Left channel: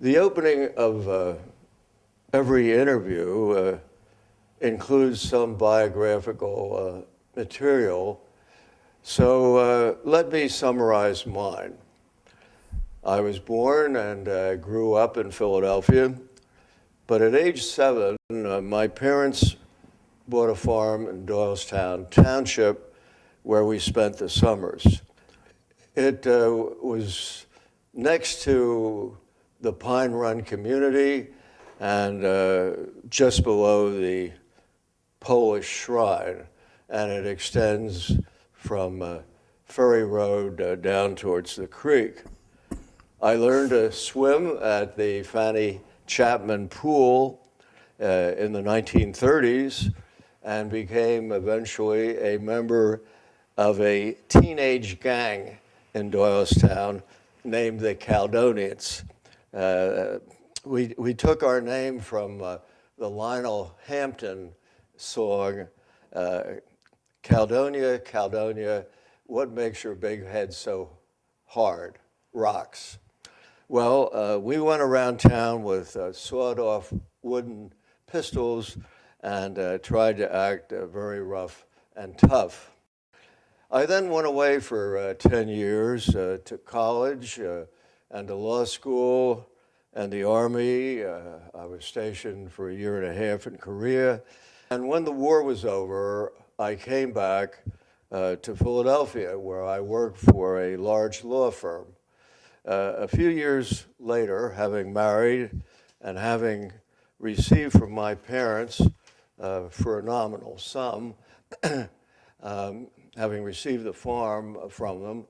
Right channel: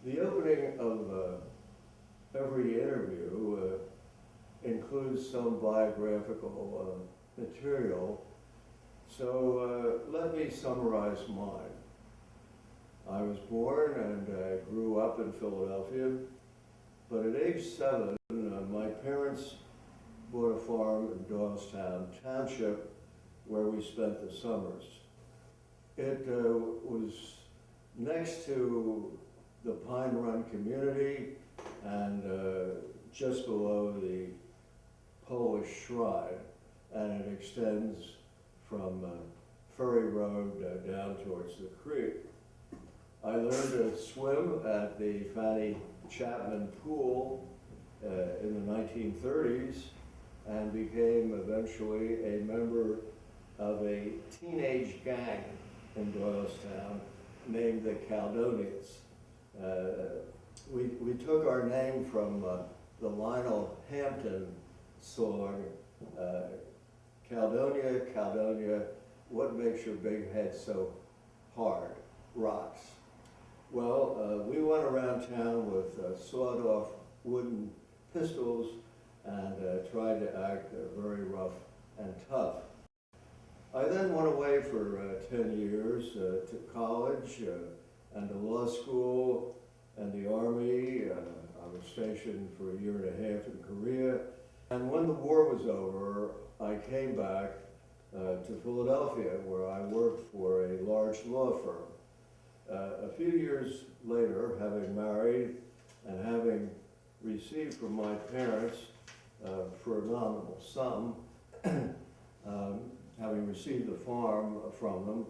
The opening of every interview includes some biographical material, so let me summarize mine. I was born and grew up in Philadelphia, but at age 7, my parents bought a farm in Doylestown Township where we spent the summers. It was next to the Pine Run community and just below the Polish Shrine, and it extends from Ferry Road down towards the creek. I learned to swim at the Fanny Chapman Pool in the 1930s and became eventually a member of a teenage gang in Doylestown named the Caledonians. We took our name from the Lionel Hampton song, Caledonia, Caledonia, what makes your big head so hard? Rocks. Well, we went around town with sawed-off wooden pistols and tried to act very rough and tough. I then went away for 10 years to college and to law school and the Army. I was stationed for 1.5 years in Korea. And when the war was over, I came back to Philadelphia, where I worked for a large law firm. A few years later, having married and having received from my parents for a nominal sum, having received the farm from them,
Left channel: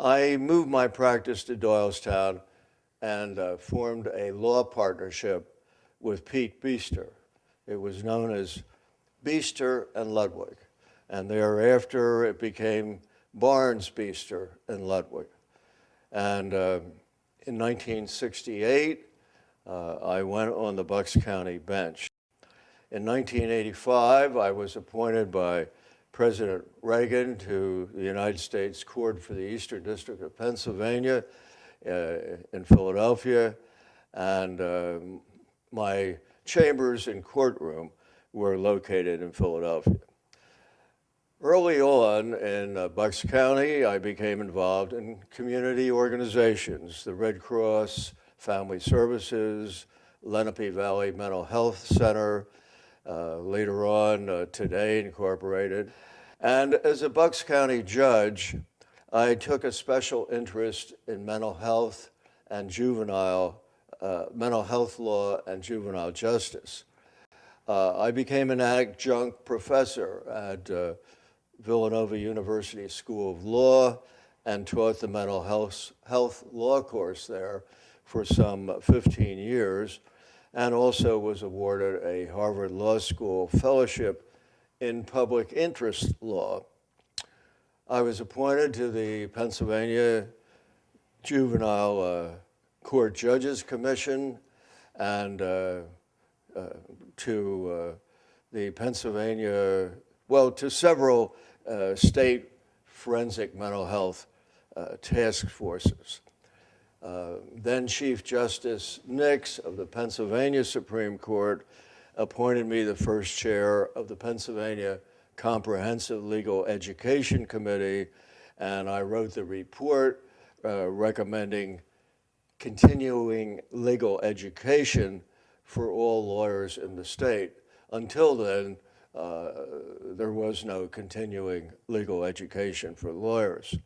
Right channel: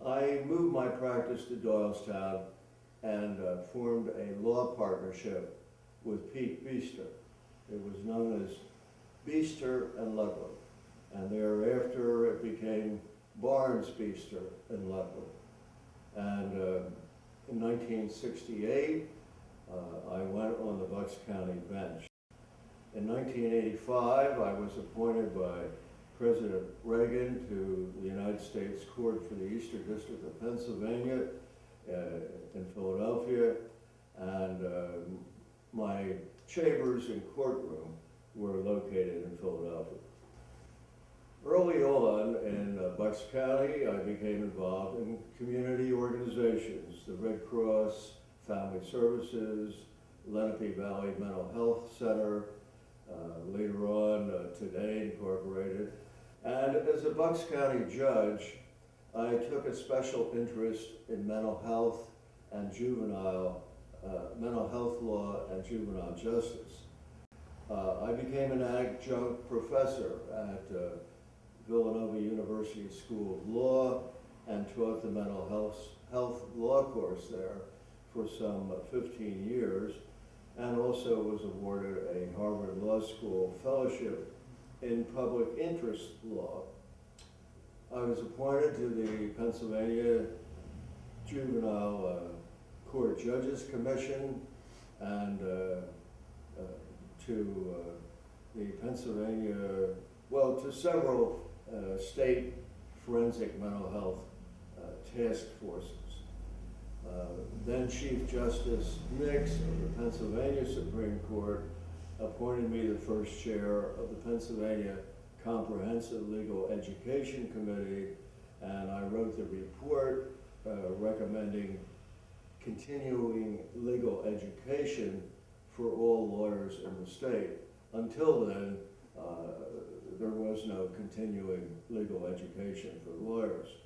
I moved my practice to Doylestown and formed a law partnership with Pete Beester. It was known as Beester and Ludwig, and thereafter it became Barnes, Beester, and Ludwig. And in 1968, I went on the Bucks County bench. In 1985, I was appointed by President Reagan to the United States Court for the Eastern District of Pennsylvania in Philadelphia, and my chambers and courtroom were located in Philadelphia. Early on in Bucks County, I became involved in community organizations, the Red Cross, Family Services, Lenape Valley Mental Health Center, later on Today Incorporated. And as a Bucks County judge, I took a special interest in mental health and juvenile, mental health law and juvenile justice. I became an adjunct professor at Villanova University School of Law and taught the mental health law course there for some 15 years, and also was awarded a Harvard Law School fellowship in public interest law. I was appointed to the Pennsylvania Juvenile Court Judges Commission and to the Pennsylvania, well, to several state forensic mental health task forces. Then Chief Justice Nix of the Pennsylvania Supreme Court appointed me the first chair of the Pennsylvania Comprehensive Legal Education Committee, and I wrote the report recommending continuing legal education for all lawyers in the state. Until then, there was no continuing legal education for lawyers.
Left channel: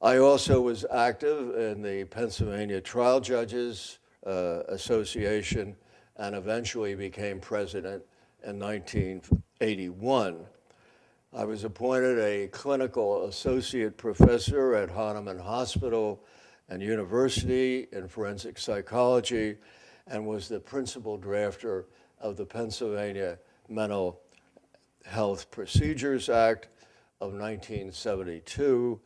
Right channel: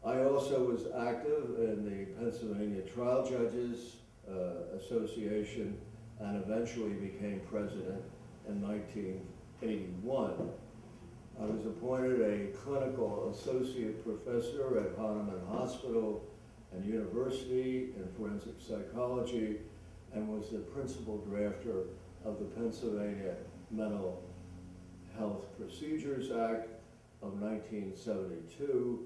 I also was active in the Pennsylvania Trial Judges Association and eventually became president in 1981. I was appointed a clinical associate professor at Hahnemann Hospital and University in forensic psychology and was the principal drafter of the Pennsylvania Mental Health Procedures Act of 1972,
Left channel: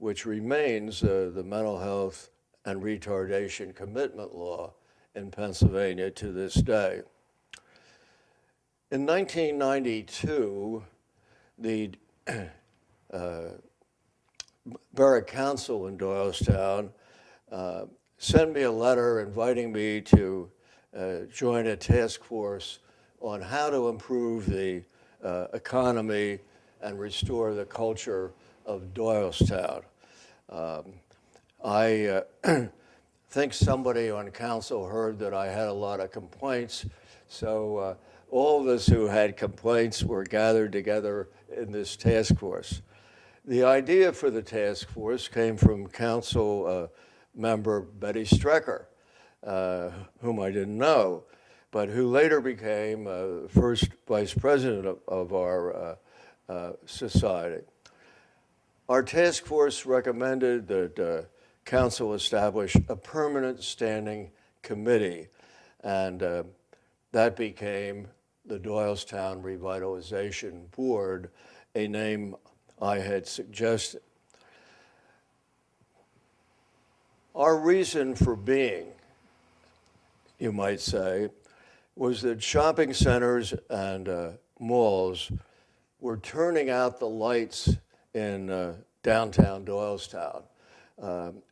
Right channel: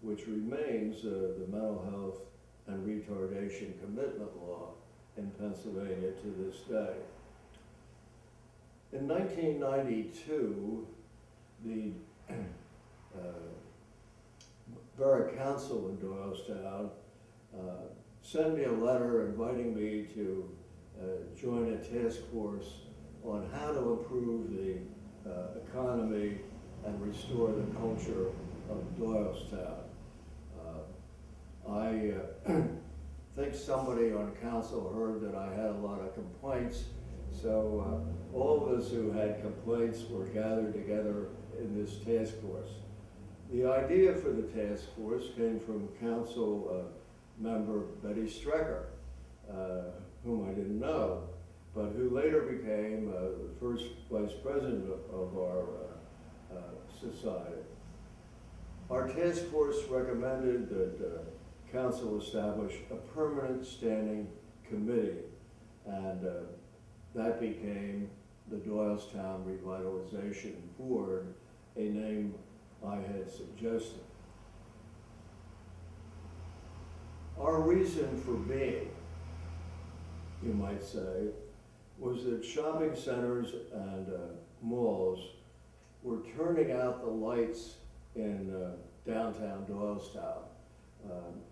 which remains the mental health and retardation commitment law in Pennsylvania to this day. In 1992, the Borough Council in Doylestown sent me a letter inviting me to join a task force on how to improve the economy and restore the culture of Doylestown. I think somebody on council heard that I had a lot of complaints, so all of us who had complaints were gathered together in this task force. The idea for the task force came from council member Betty Strecker, whom I didn't know, but who later became first vice president of our society. Our task force recommended that council establish a permanent standing committee, and that became the Doylestown Revitalization Board, a name I had suggested. Our reason for being, you might say, was that shopping centers and malls were turning out the lights in downtown Doylestown,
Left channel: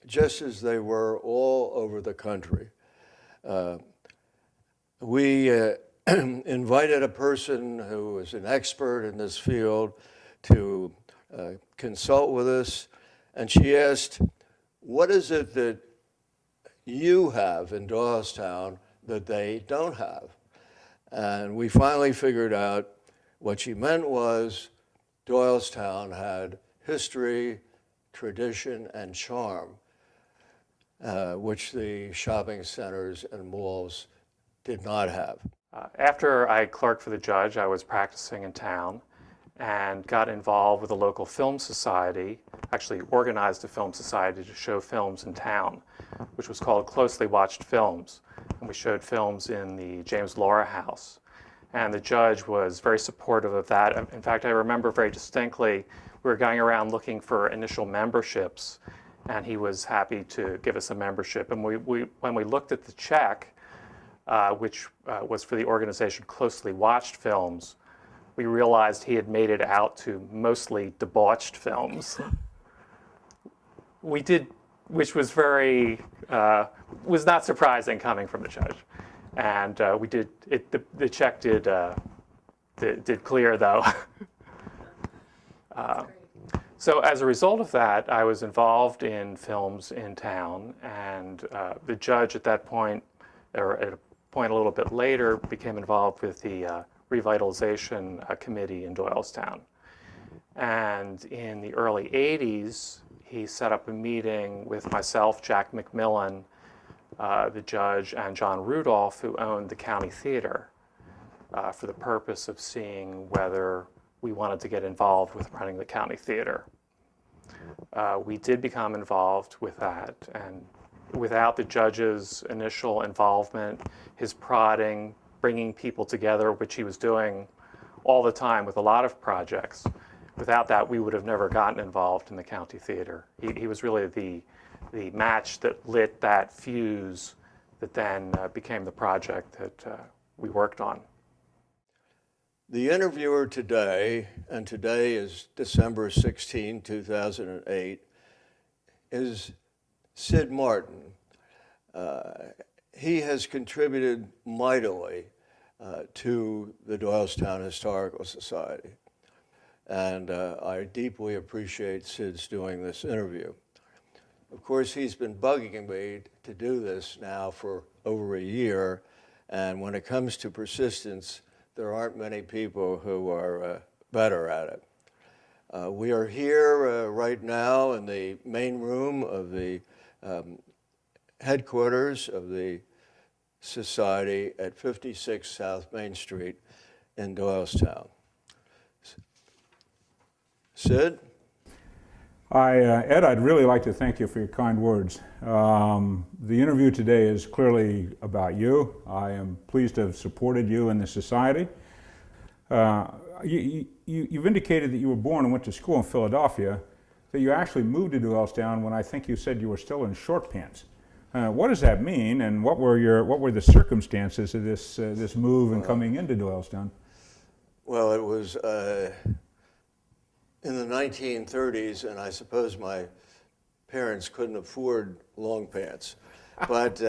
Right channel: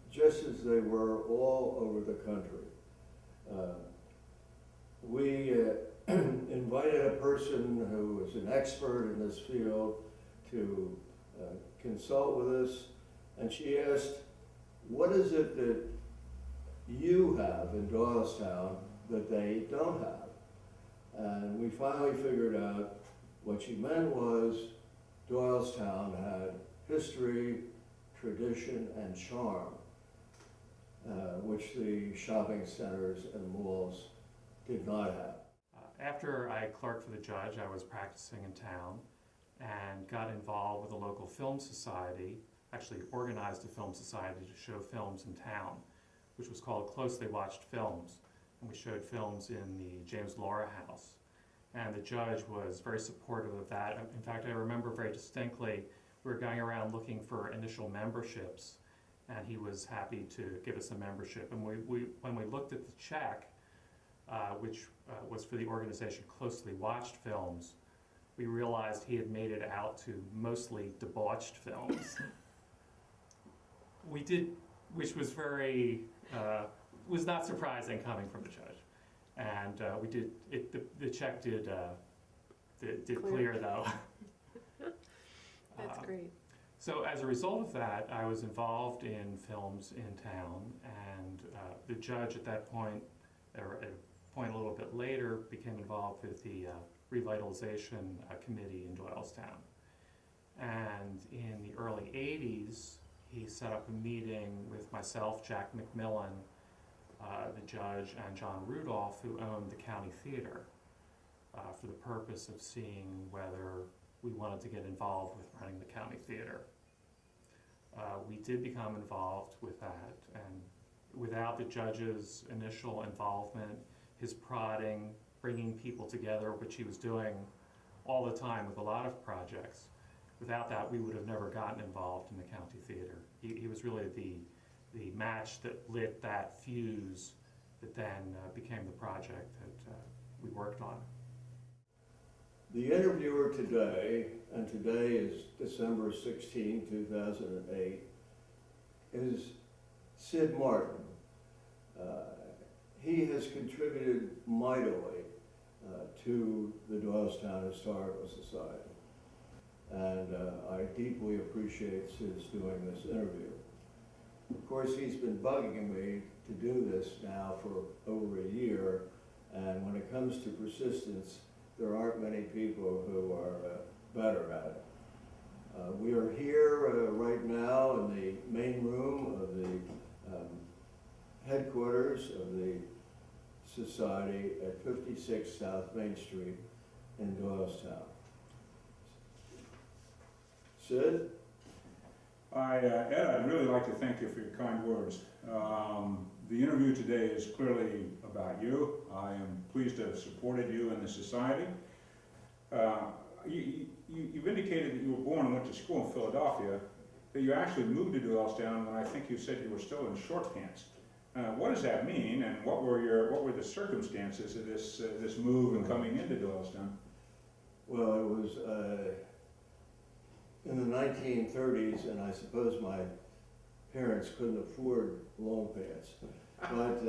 just as they were all over the country. We invited a person who was an expert in this field to consult with us, and she asked, what is it that you have in Doylestown that they don't have? And we finally figured out what she meant was Doylestown had history, tradition, and charm, which the shopping centers and malls did not have. After I clerked for the judge, I was practicing in town and got involved with a local film society, actually organized a film society to show films in town, which was called Closely Watched Films. And we showed films in the James Laura House. And the judge was very supportive of that. In fact, I remember very distinctly, we were going around looking for initial memberships, and he was happy to give us a membership. And when we looked at the check, which was for the organization Closely Watched Films, we realized he had made it out to mostly debauched films. We did, which was very, was not surprising coming from the judge. And we did, the check did clear though. That's great. So as a result of that, I was involved in films in town, and the judge at that point, or at a point a little bit later, became involved with the Revitalization Committee in Doylestown. And in the early 80s, he set up a meeting with myself, Jack McMillan, the judge, and John Rudolph, who owned the county theater, for the purpose of seeing whether we wanted to get involved with running the county theater. We did become involved with that, and without the judge's initial involvement, his prodding, bringing people together, which he was doing all the time with a lot of projects, without that, we would have never gotten involved in the county theater. He was really the match that lit that fuse that then became the project that we worked on. The interviewer today, and today is December 16, 2008, is Sid Martin. He has contributed mightily to the Doylestown Historical Society, and I deeply appreciate Sid's doing this interview. Of course, he's been bugging me to do this now for over a year, and when it comes to persistence, there aren't many people who are better at it. We are here right now in the main room of the headquarters of the Society at 56 South Main Street in Doylestown. Sid? Ed, I'd really like to thank you for your kind words. The interview today is clearly about you. I am pleased to have supported you in the society. You've indicated that you were born and went to school in Philadelphia, that you actually moved to Doylestown when I think you said you were still in short pants. What does that mean, and what were the circumstances of this move and coming into Doylestown? Well, it was in the 1930s, and I suppose my parents couldn't afford long pants. But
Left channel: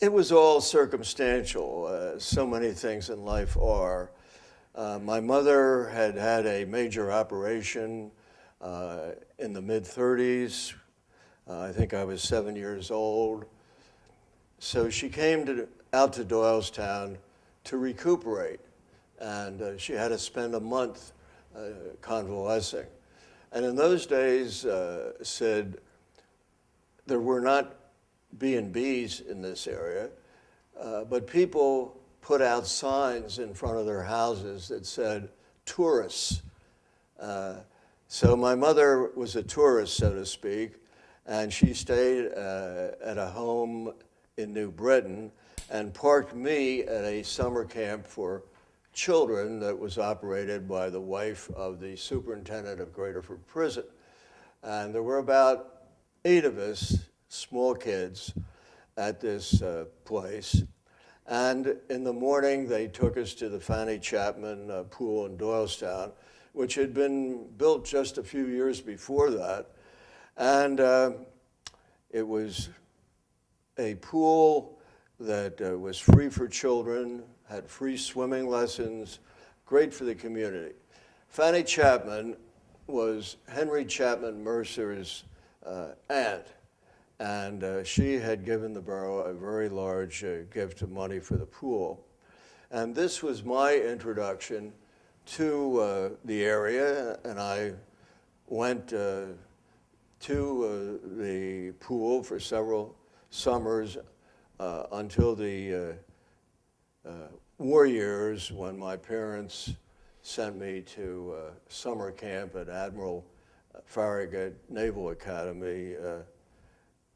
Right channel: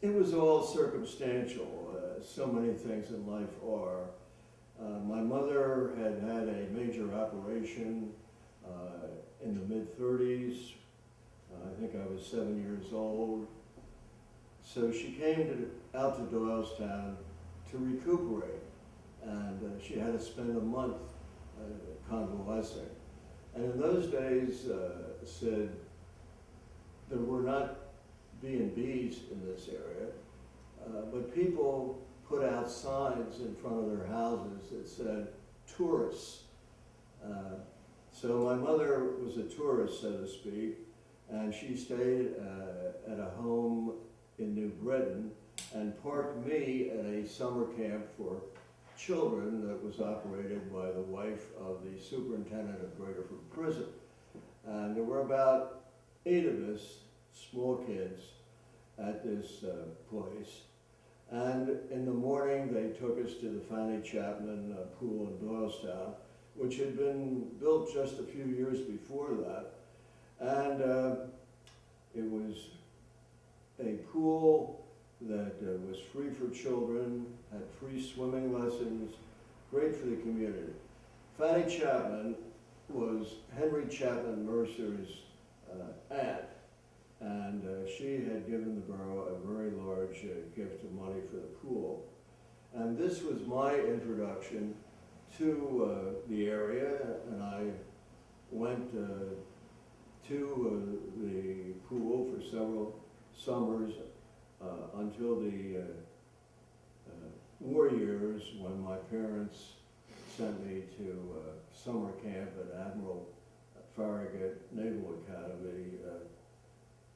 it was all circumstantial. So many things in life are. My mother had had a major operation in the mid-30s. I think I was 7 years old. So she came out to Doylestown to recuperate, and she had to spend a month convalescing. And in those days, said there were not B&Bs in this area, but people put out signs in front of their houses that said, tourists. So my mother was a tourist, so to speak, and she stayed at a home in New Britain and parked me at a summer camp for children that was operated by the wife of the superintendent of Graterford Prison. And there were about 8 of us, small kids, at this place. And in the morning, they took us to the Fanny Chapman pool in Doylestown, which had been built just a few years before that. And it was a pool that was free for children, had free swimming lessons, great for the community. Fanny Chapman was Henry Chapman Mercer's aunt, and she had given the borough a very large gift of money for the pool. And this was my introduction to the area, and I went to the pool for several summers until the war years, when my parents sent me to summer camp at Admiral Farragut Naval Academy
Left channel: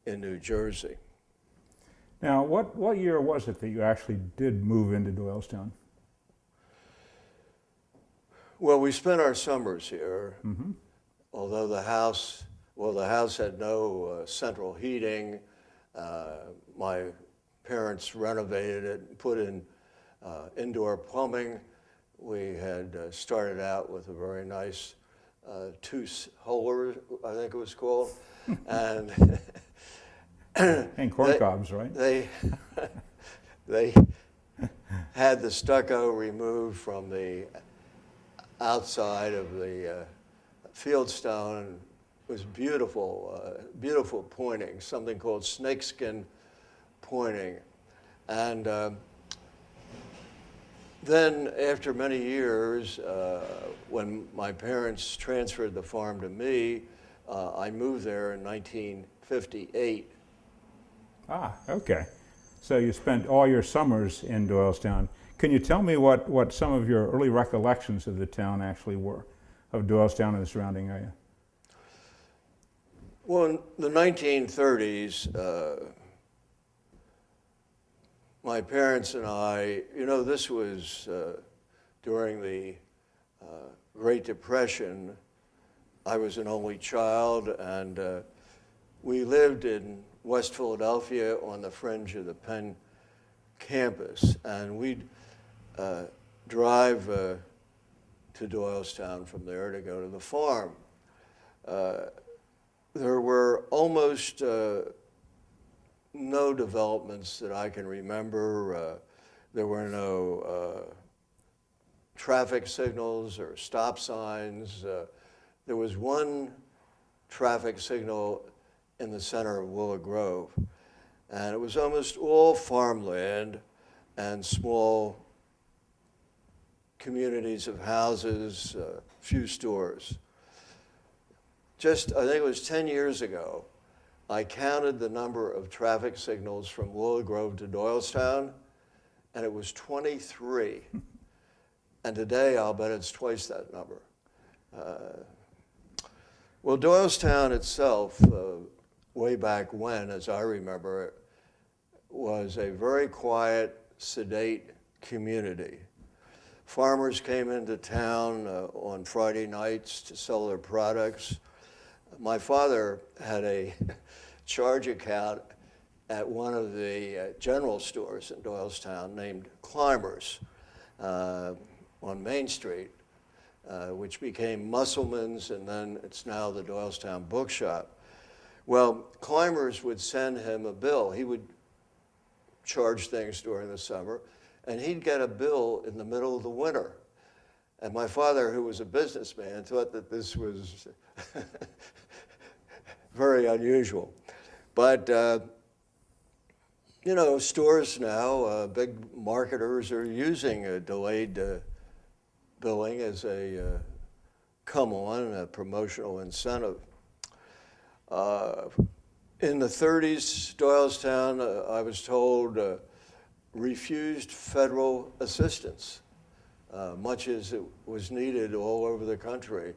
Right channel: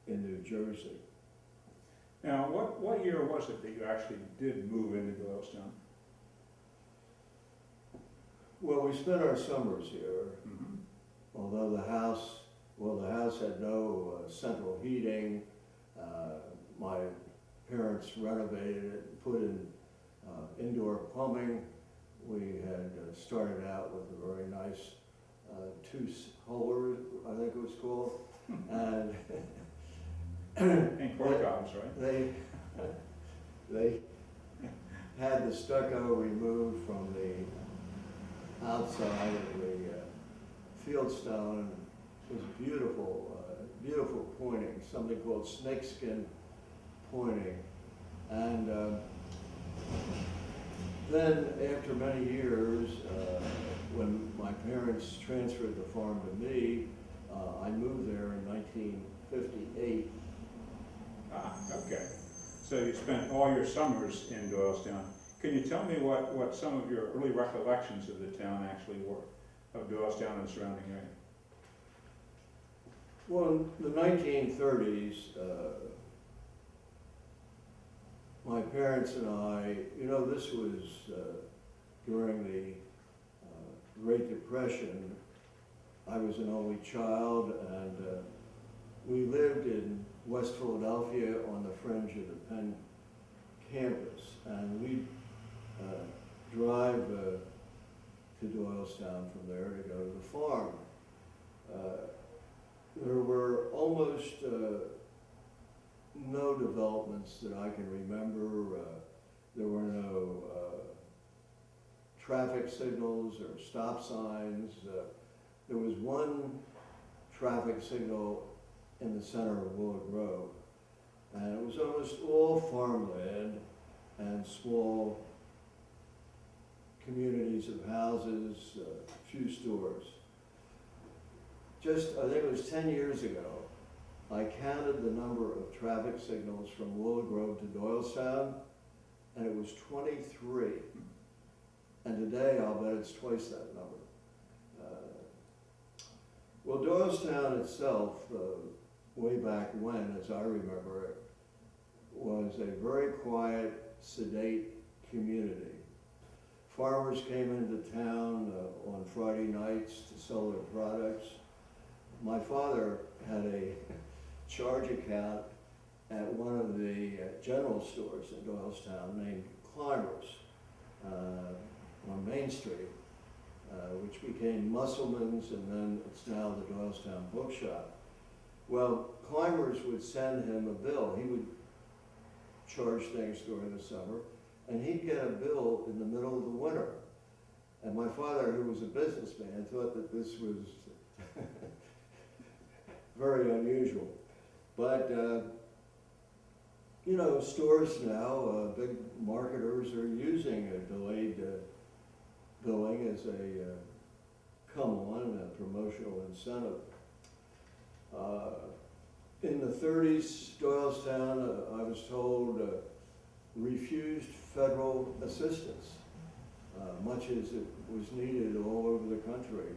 in New Jersey. Now, what year was it that you actually did move into Doylestown? Well, we spent our summers here, Mm-hmm. although the house had no central heating. My parents renovated it, and put in indoor plumbing. We had started out with a very nice two-holer, I think it was called, and And corn cobs, right? they had the stucco removed from the outside of the fieldstone. It was beautiful, beautiful pointing, something called snakeskin pointing. And then after many years, when my parents transferred the farm to me, I moved there in 1958. Ah, okay. So you spent all your summers in Doylestown. Can you tell me what some of your early recollections of the town actually were, of Doylestown and the surrounding area? Well, in the 1930s, my parents and I, this was during the Great Depression. I was an only child, and we lived in West Philadelphia on the fringe of the Penn campus, and we'd drive to Doylestown from there to go to the farm. There were almost no developments that I can remember. There were no traffic signals or stop signs. There was one traffic signal in the center of Willow Grove, and it was almost all farmland and small communities of houses, few stores. Just, I think it was 10 years ago, I counted the number of traffic signals from Willow Grove to Doylestown, and it was 23. And today, I'll bet it's twice that number. Well, Doylestown itself, way back when, as I remember it, was a very quiet, sedate community. Farmers came into town on Friday nights to sell their products. My father had a charge account at one of the general stores in Doylestown named Climbers on Main Street, which became Musselman's, and then it's now the Doylestown Bookshop. Well, climbers would send him a bill. He would charge things during the summer, and he'd get a bill in the middle of the winter. And my father, who was a businessman, thought that this was very unusual. But, you know, stores now, big marketers are using a delayed billing as a come-on, a promotional incentive. In the 30s, Doylestown, I was told, refused federal assistance, much as it was needed all over the country.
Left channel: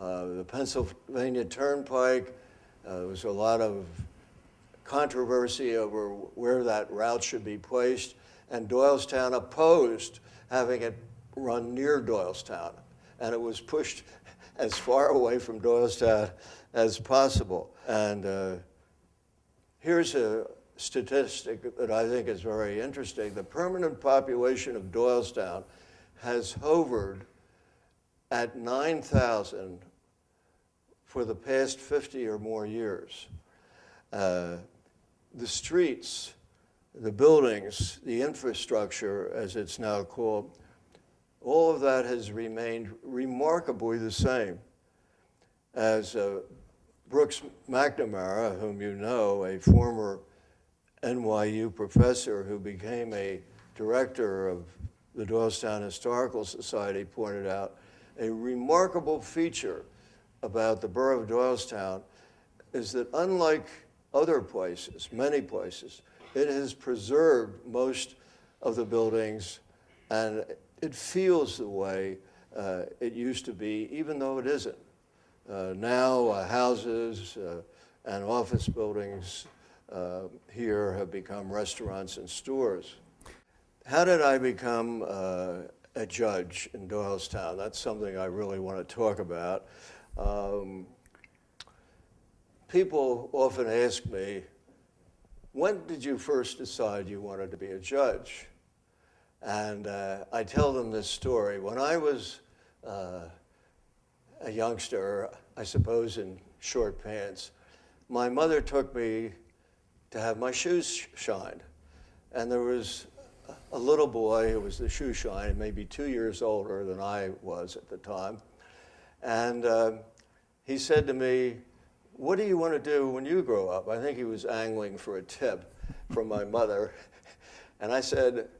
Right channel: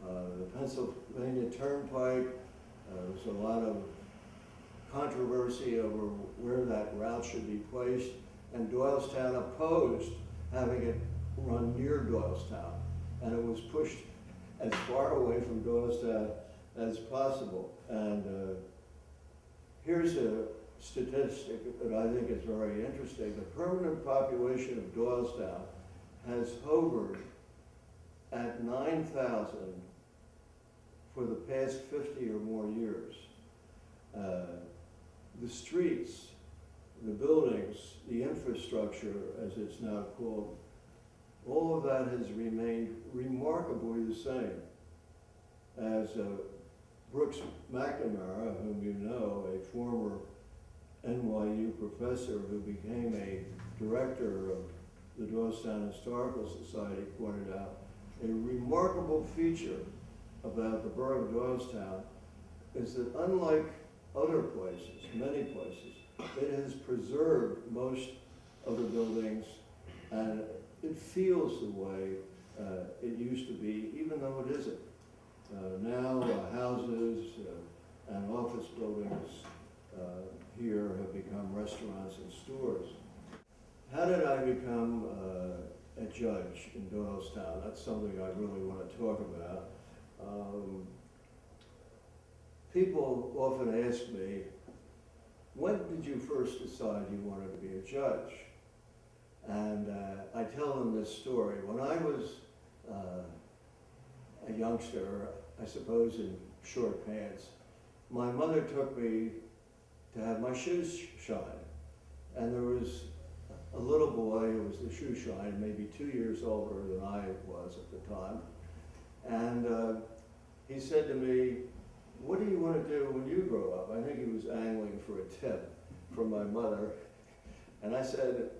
The Pennsylvania Turnpike, there was a lot of controversy over where that route should be placed, and Doylestown opposed having it run near Doylestown, and it was pushed as far away from Doylestown as possible. And here's a statistic that I think is very interesting. The permanent population of Doylestown has hovered at 9,000 for the past 50 or more years. The streets, the buildings, the infrastructure, as it's now called, all of that has remained remarkably the same. As Brooks McNamara, whom you know, a former NYU professor who became a director of the Doylestown Historical Society, pointed out, a remarkable feature about the borough of Doylestown is that unlike other places, many places, it has preserved most of the buildings, and it feels the way it used to be, even though it isn't. Now houses and office buildings here have become restaurants and stores. How did I become a judge in Doylestown? That's something I really want to talk about. People often ask me, when did you first decide you wanted to be a judge? And I tell them this story. When I was a youngster, I suppose in short pants, my mother took me to have my shoes shined. And there was a little boy who was the shoe shine, maybe 2 years older than I was at the time. And he said to me, "What do you want to do when you grow up?" I think he was angling for a tip from my mother. And I said,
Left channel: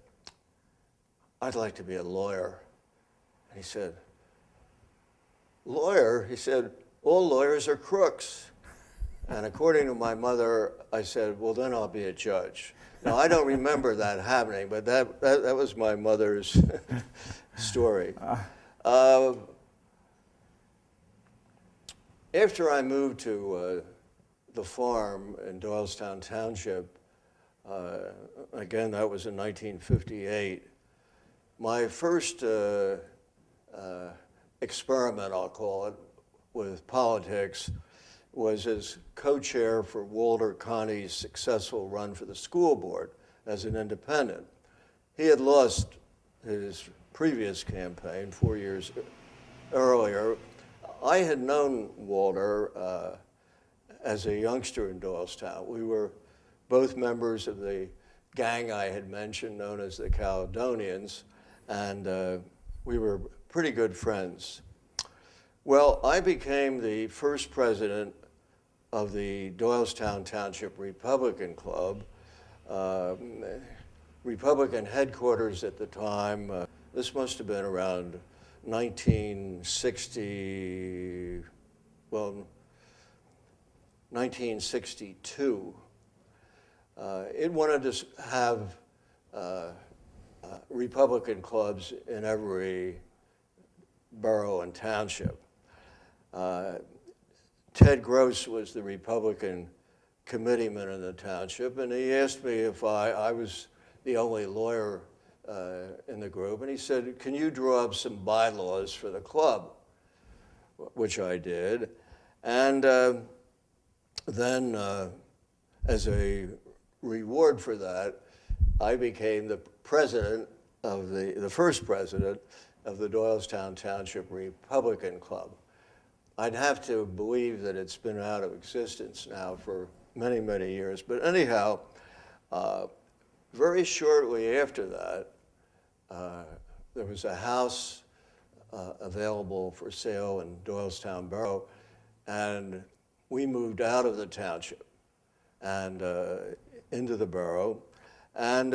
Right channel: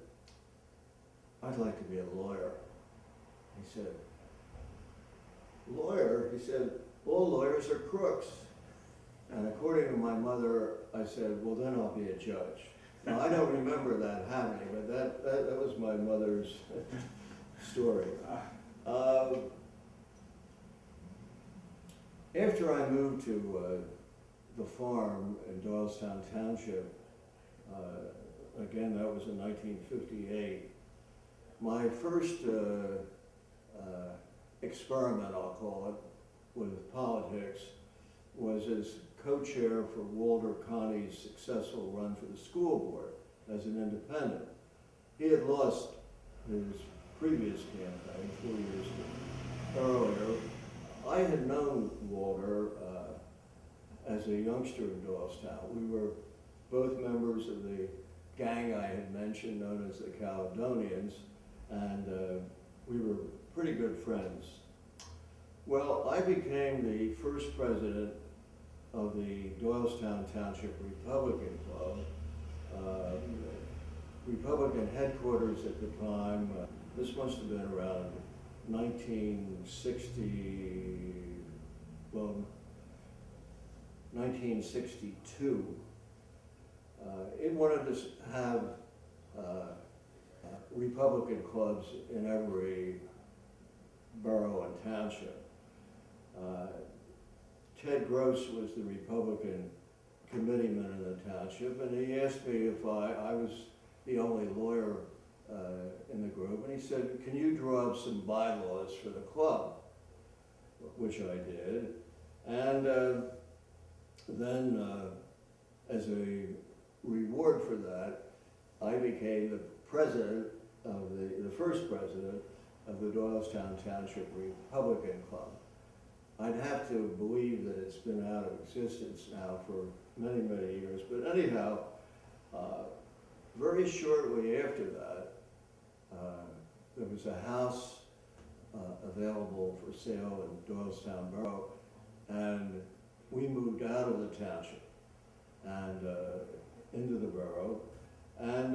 "I'd like to be a lawyer." And he said, "Lawyer?" He said, "All lawyers are crooks." And according to my mother, I said, "Well, then I'll be a judge." Now, I don't remember that happening, but that was my mother's story. After I moved to the farm in Doylestown Township, again, that was in 1958, my first experiment, I'll call it, with politics was as co-chair for Walter Connie's successful run for the school board as an independent. He had lost his previous campaign 4 years earlier. I had known Walter as a youngster in Doylestown. We were both members of the gang I had mentioned, known as the Caledonians, and we were pretty good friends. Well, I became the first president of the Doylestown Township Republican Club. Republican headquarters at the time, this must have been around 1962. It wanted to have Republican clubs in every borough and township. Ted Gross was the Republican committeeman in the township, and he asked me if I was the only lawyer in the group, and he said, "Can you draw up some bylaws for the club?" Which I did. And then as a reward for that, I became the president of the first president of the Doylestown Township Republican Club. I'd have to believe that it's been out of existence now for many, many years. But anyhow, very shortly after that, there was a house available for sale in Doylestown Borough, and we moved out of the township and into the borough, and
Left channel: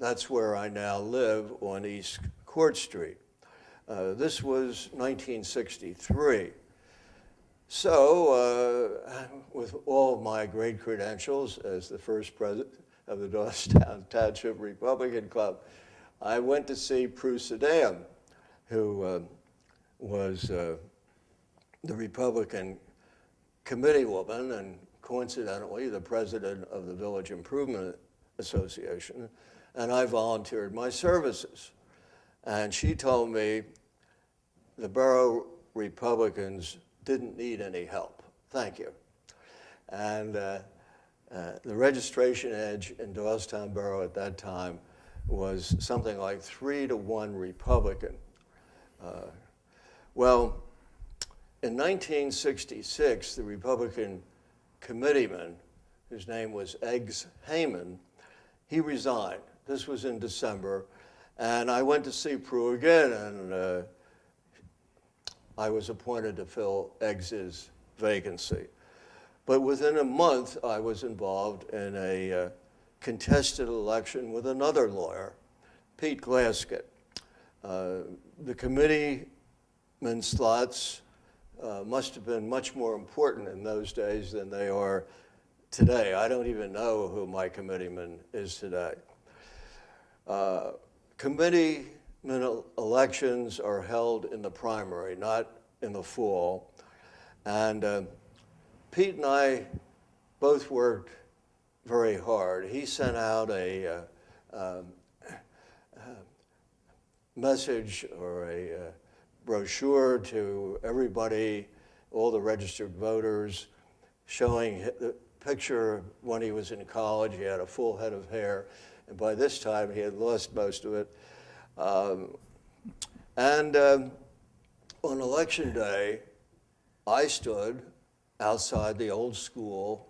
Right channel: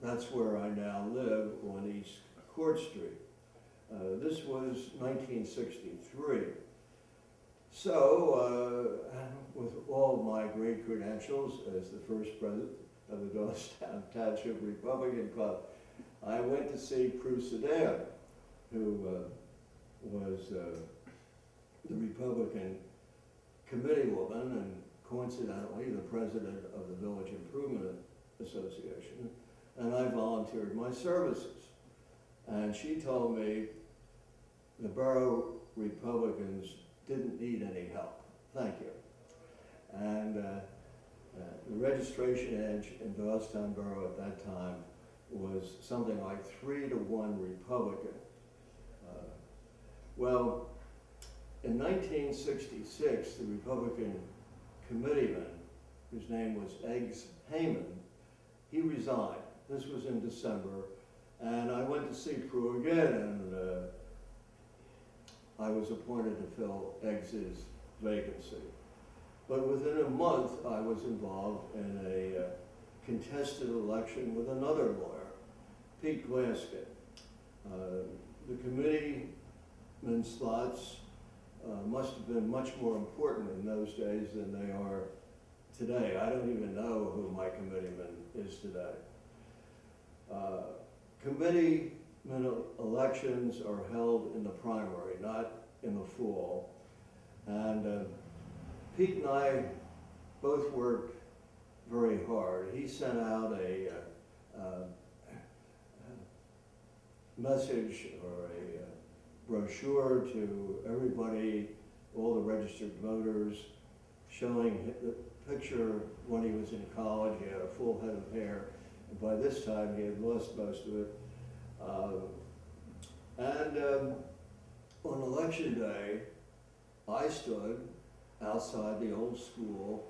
that's where I now live on East Court Street. This was 1963. So, with all of my great credentials as the first president of the Doylestown Township Republican Club, I went to see Prue Sedan, who was the Republican committee woman and coincidentally the president of the Village Improvement Association, and I volunteered my services. And she told me the borough Republicans didn't need any help. Thank you. And the registration age in Doylestown Borough at that time was something like 3-to-1 Republican. Well, in 1966, the Republican committeeman, whose name was Eggs Heyman, he resigned. This was in December, and I went to see Prue again, and I was appointed to fill Eggs's vacancy. But within a month, I was involved in a contested election with another lawyer, Pete Glaskett. The committeeman slots must have been much more important in those days than they are today. I don't even know who my committeeman is today. Committeeman elections are held in the primary, not in the fall. And Pete and I both worked very hard. He sent out a message or a brochure to everybody, all the registered voters, showing the picture of when he was in college. He had a full head of hair, and by this time he had lost most of it. On election day, I stood outside the old school,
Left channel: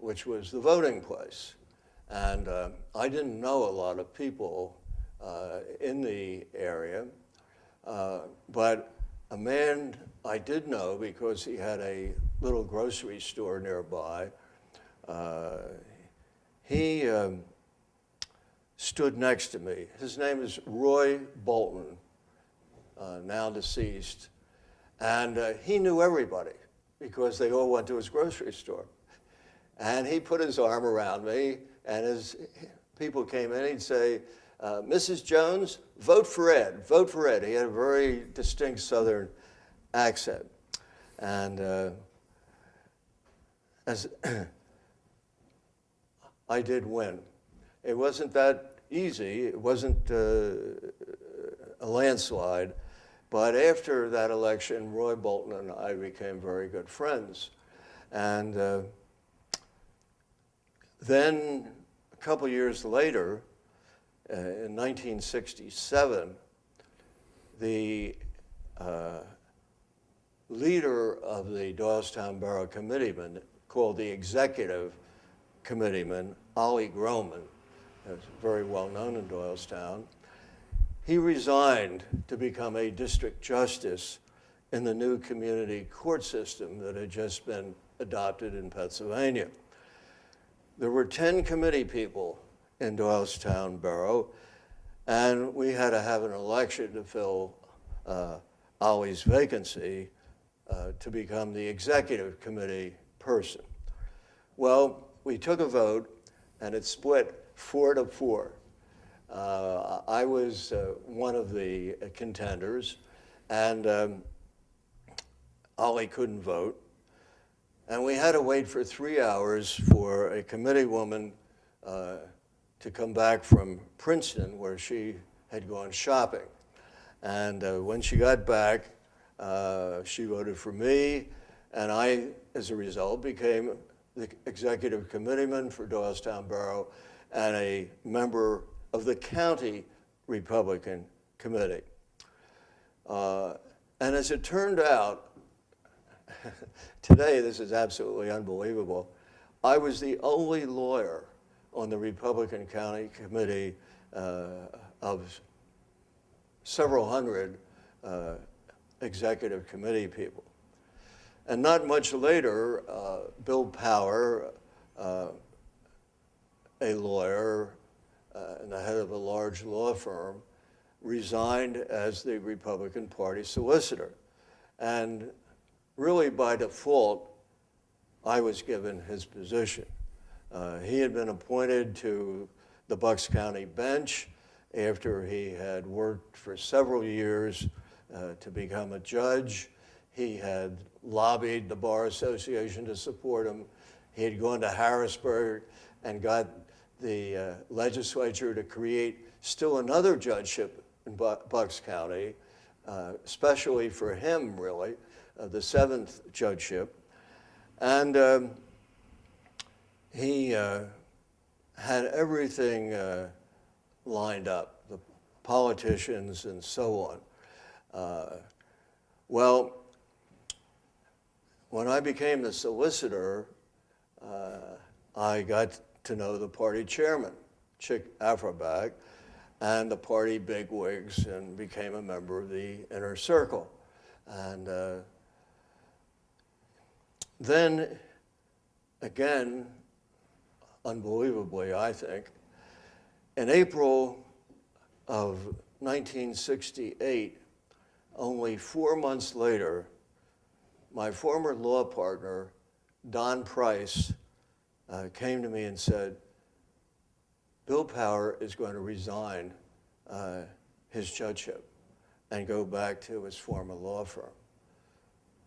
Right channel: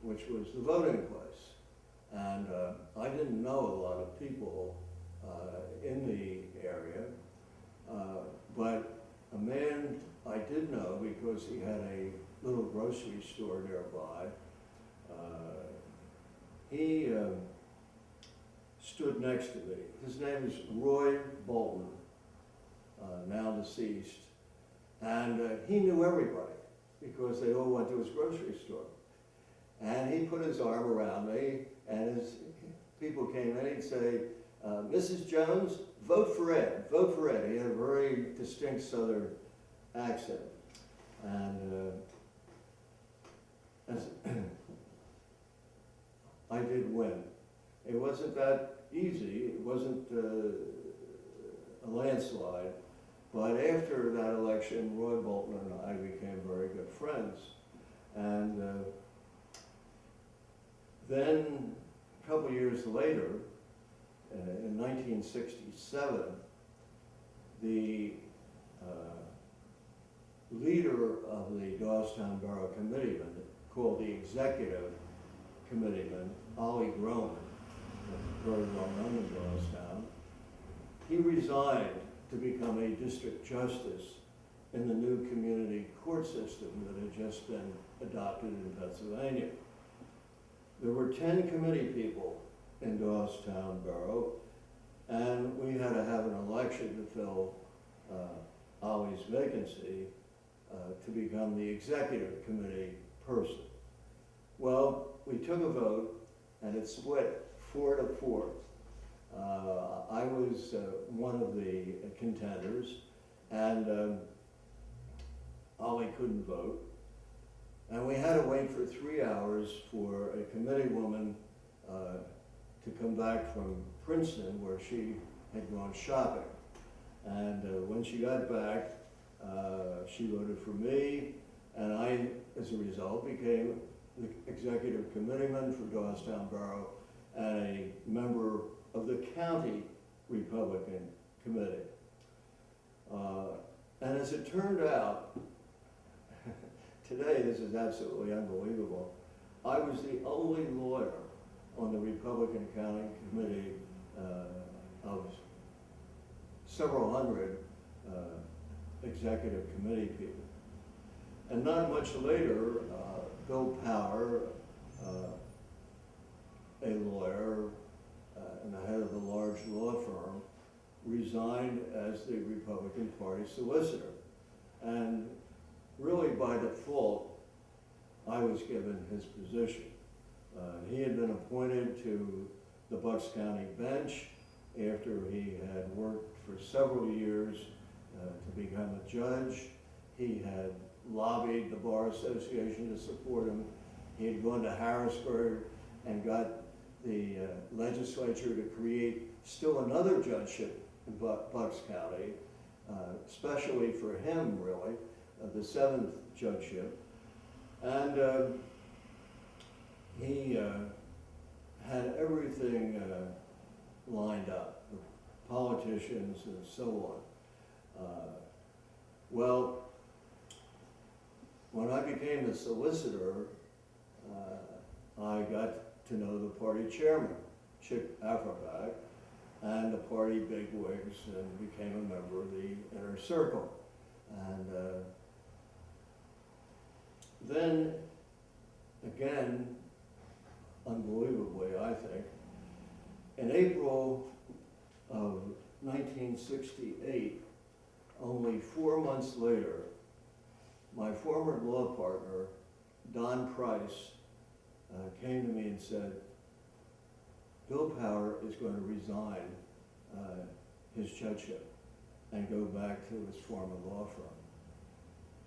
which was the voting place. And I didn't know a lot of people in the area, but a man I did know because he had a little grocery store nearby. He stood next to me. His name is Roy Bolton, now deceased. And he knew everybody because they all went to his grocery store. And he put his arm around me, and as people came in, he'd say, Mrs. Jones, vote for Ed, vote for Ed. He had a very distinct Southern accent. And as I did win. It wasn't that easy. It wasn't a landslide. But after that election, Roy Bolton and I became very good friends. And then a couple years later, in 1967, the leader of the Doylestown Borough Committeeman, called the Executive Committeeman, Ollie Groman, that's very well known in Doylestown, he resigned to become a district justice in the new community court system that had just been adopted in Pennsylvania. There were 10 committee people in Doylestown Borough, and we had to have an election to fill Ollie's vacancy to become the executive committee person. Well, we took a vote, and it split 4-4. I was one of the contenders, and Ollie couldn't vote. And we had to wait for 3 hours for a committee woman to come back from Princeton, where she had gone shopping. And when she got back, she voted for me, and I, as a result, became the executive committeeman for Doylestown Borough and a member of the county Republican committee. And as it turned out, today this is absolutely unbelievable. I was the only lawyer on the Republican County Committee of several hundred executive committee people. And not much later, Bill Power, a lawyer and the head of a large law firm, resigned as the Republican Party solicitor. And really by default, I was given his position. He had been appointed to the Bucks County bench after he had worked for several years to become a judge. He had lobbied the Bar Association to support him. He had gone to Harrisburg and got the legislature to create still another judgeship in Bucks County, especially for him, really, the 7th judgeship. And he had everything lined up, the politicians and so on. Well, when I became the solicitor, I got to know the party chairman, Chick Afroback, and the party bigwigs, and became a member of the inner circle. And then, again, unbelievably, I think, in April of 1968, only 4 months later, my former law partner, Don Price, came to me and said, Bill Power is going to resign his judgeship and go back to his former law firm.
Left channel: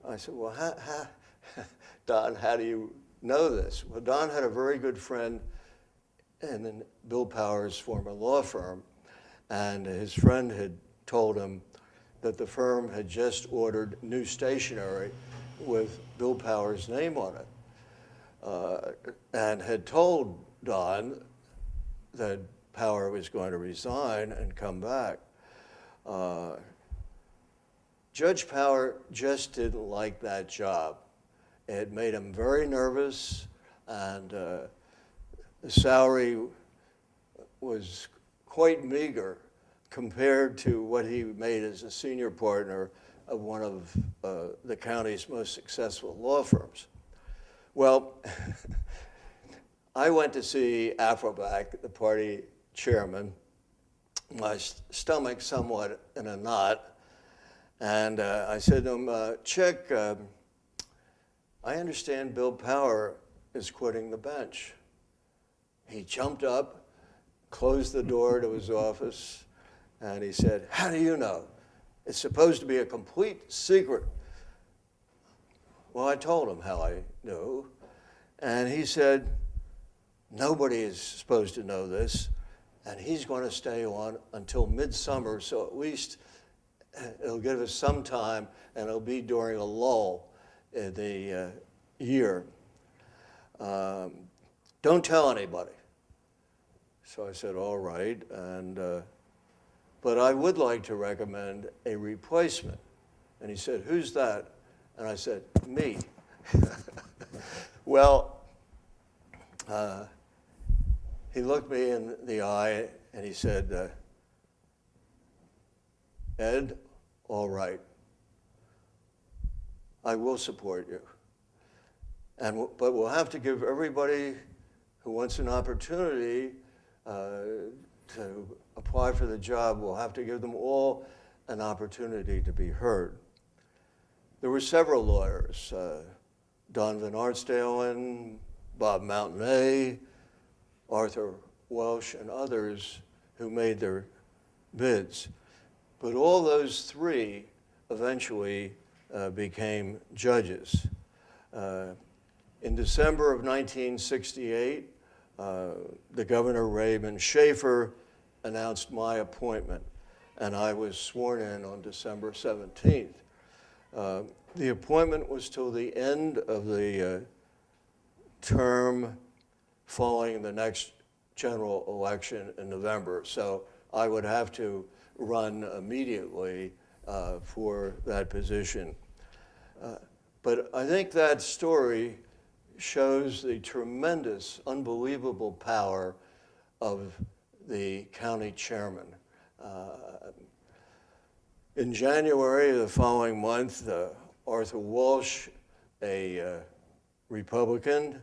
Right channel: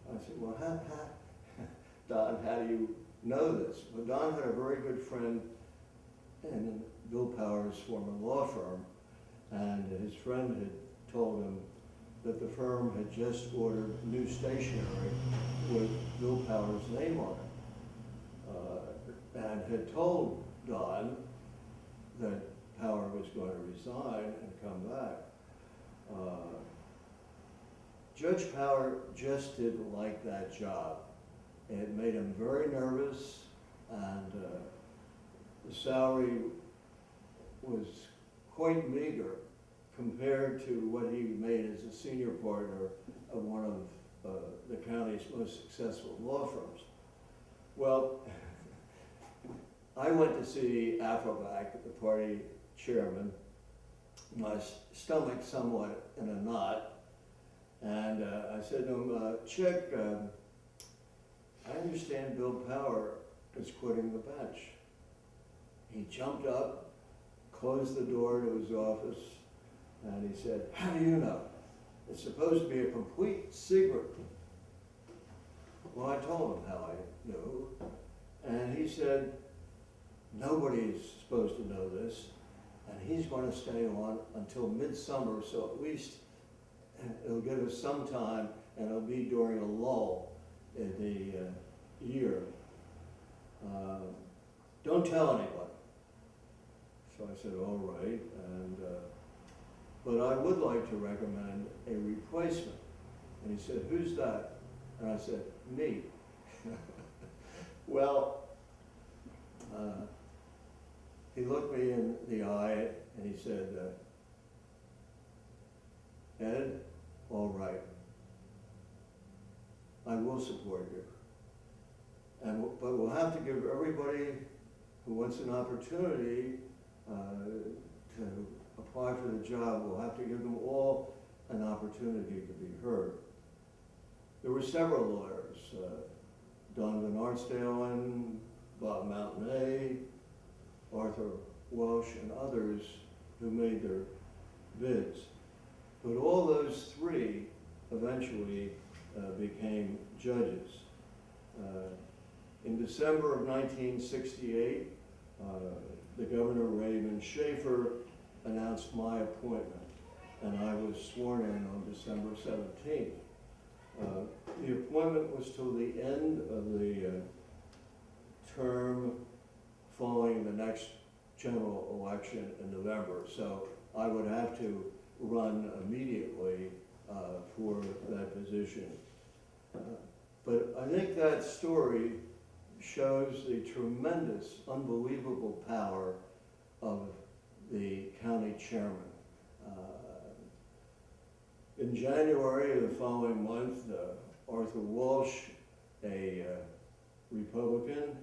I said, well, Don, how do you know this? Well, Don had a very good friend in Bill Power's former law firm, and his friend had told him that the firm had just ordered new stationery with Bill Power's name on it, and had told Don that Power was going to resign and come back. Judge Power just didn't like that job. It made him very nervous, and the salary was quite meager compared to what he made as a senior partner of one of the county's most successful law firms. Well, I went to see Afroback, the party chairman, my stomach somewhat in a knot, and I said to him, Chick, I understand Bill Power is quitting the bench. He jumped up, closed the door to his office, and he said, how do you know? It's supposed to be a complete secret. Well, I told him how I knew, and he said, nobody is supposed to know this, and he's going to stay on until midsummer, so at least it'll give us some time, and it'll be during a lull in the year. Don't tell anybody. So I said, all right, and but I would like to recommend a replacement. And he said, who's that? And I said, me. Well, he looked me in the eye and he said, Ed, all right. I will support you. But we'll have to give everybody who wants an opportunity to apply for the job, we'll have to give them all an opportunity to be heard. There were several lawyers, Don Van Arsdalen, Bob Mountain, Arthur Welsh, and others who made their bids. But all those three eventually became judges. In December of 1968, the Governor Raymond Schaefer announced my appointment, and I was sworn in on December 17th. The appointment was till the end of the term following the next general election in November, so I would have to run immediately for that position. But I think that story shows the tremendous, unbelievable power of the county chairman. In January of the following month, Arthur Walsh, a Republican,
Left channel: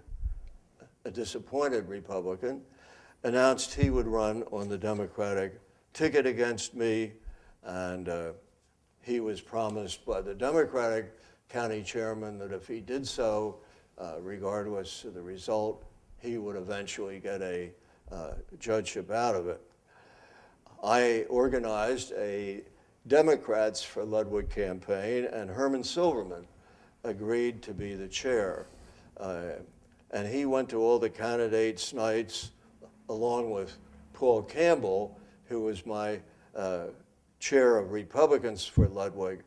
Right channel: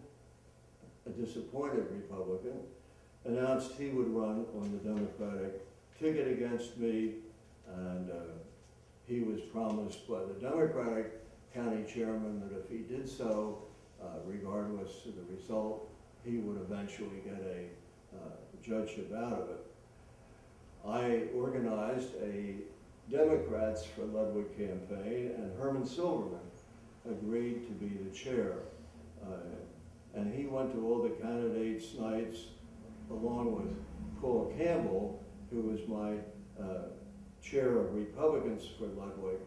a disappointed Republican, announced he would run on the Democratic ticket against me, and he was promised by the Democratic county chairman that if he did so, regardless of the result, he would eventually get a judgeship out of it. I organized a Democrats for Ludwig campaign, and Herman Silverman agreed to be the chair. And he went to all the candidates' nights along with Paul Campbell, who was my chair of Republicans for Ludwig,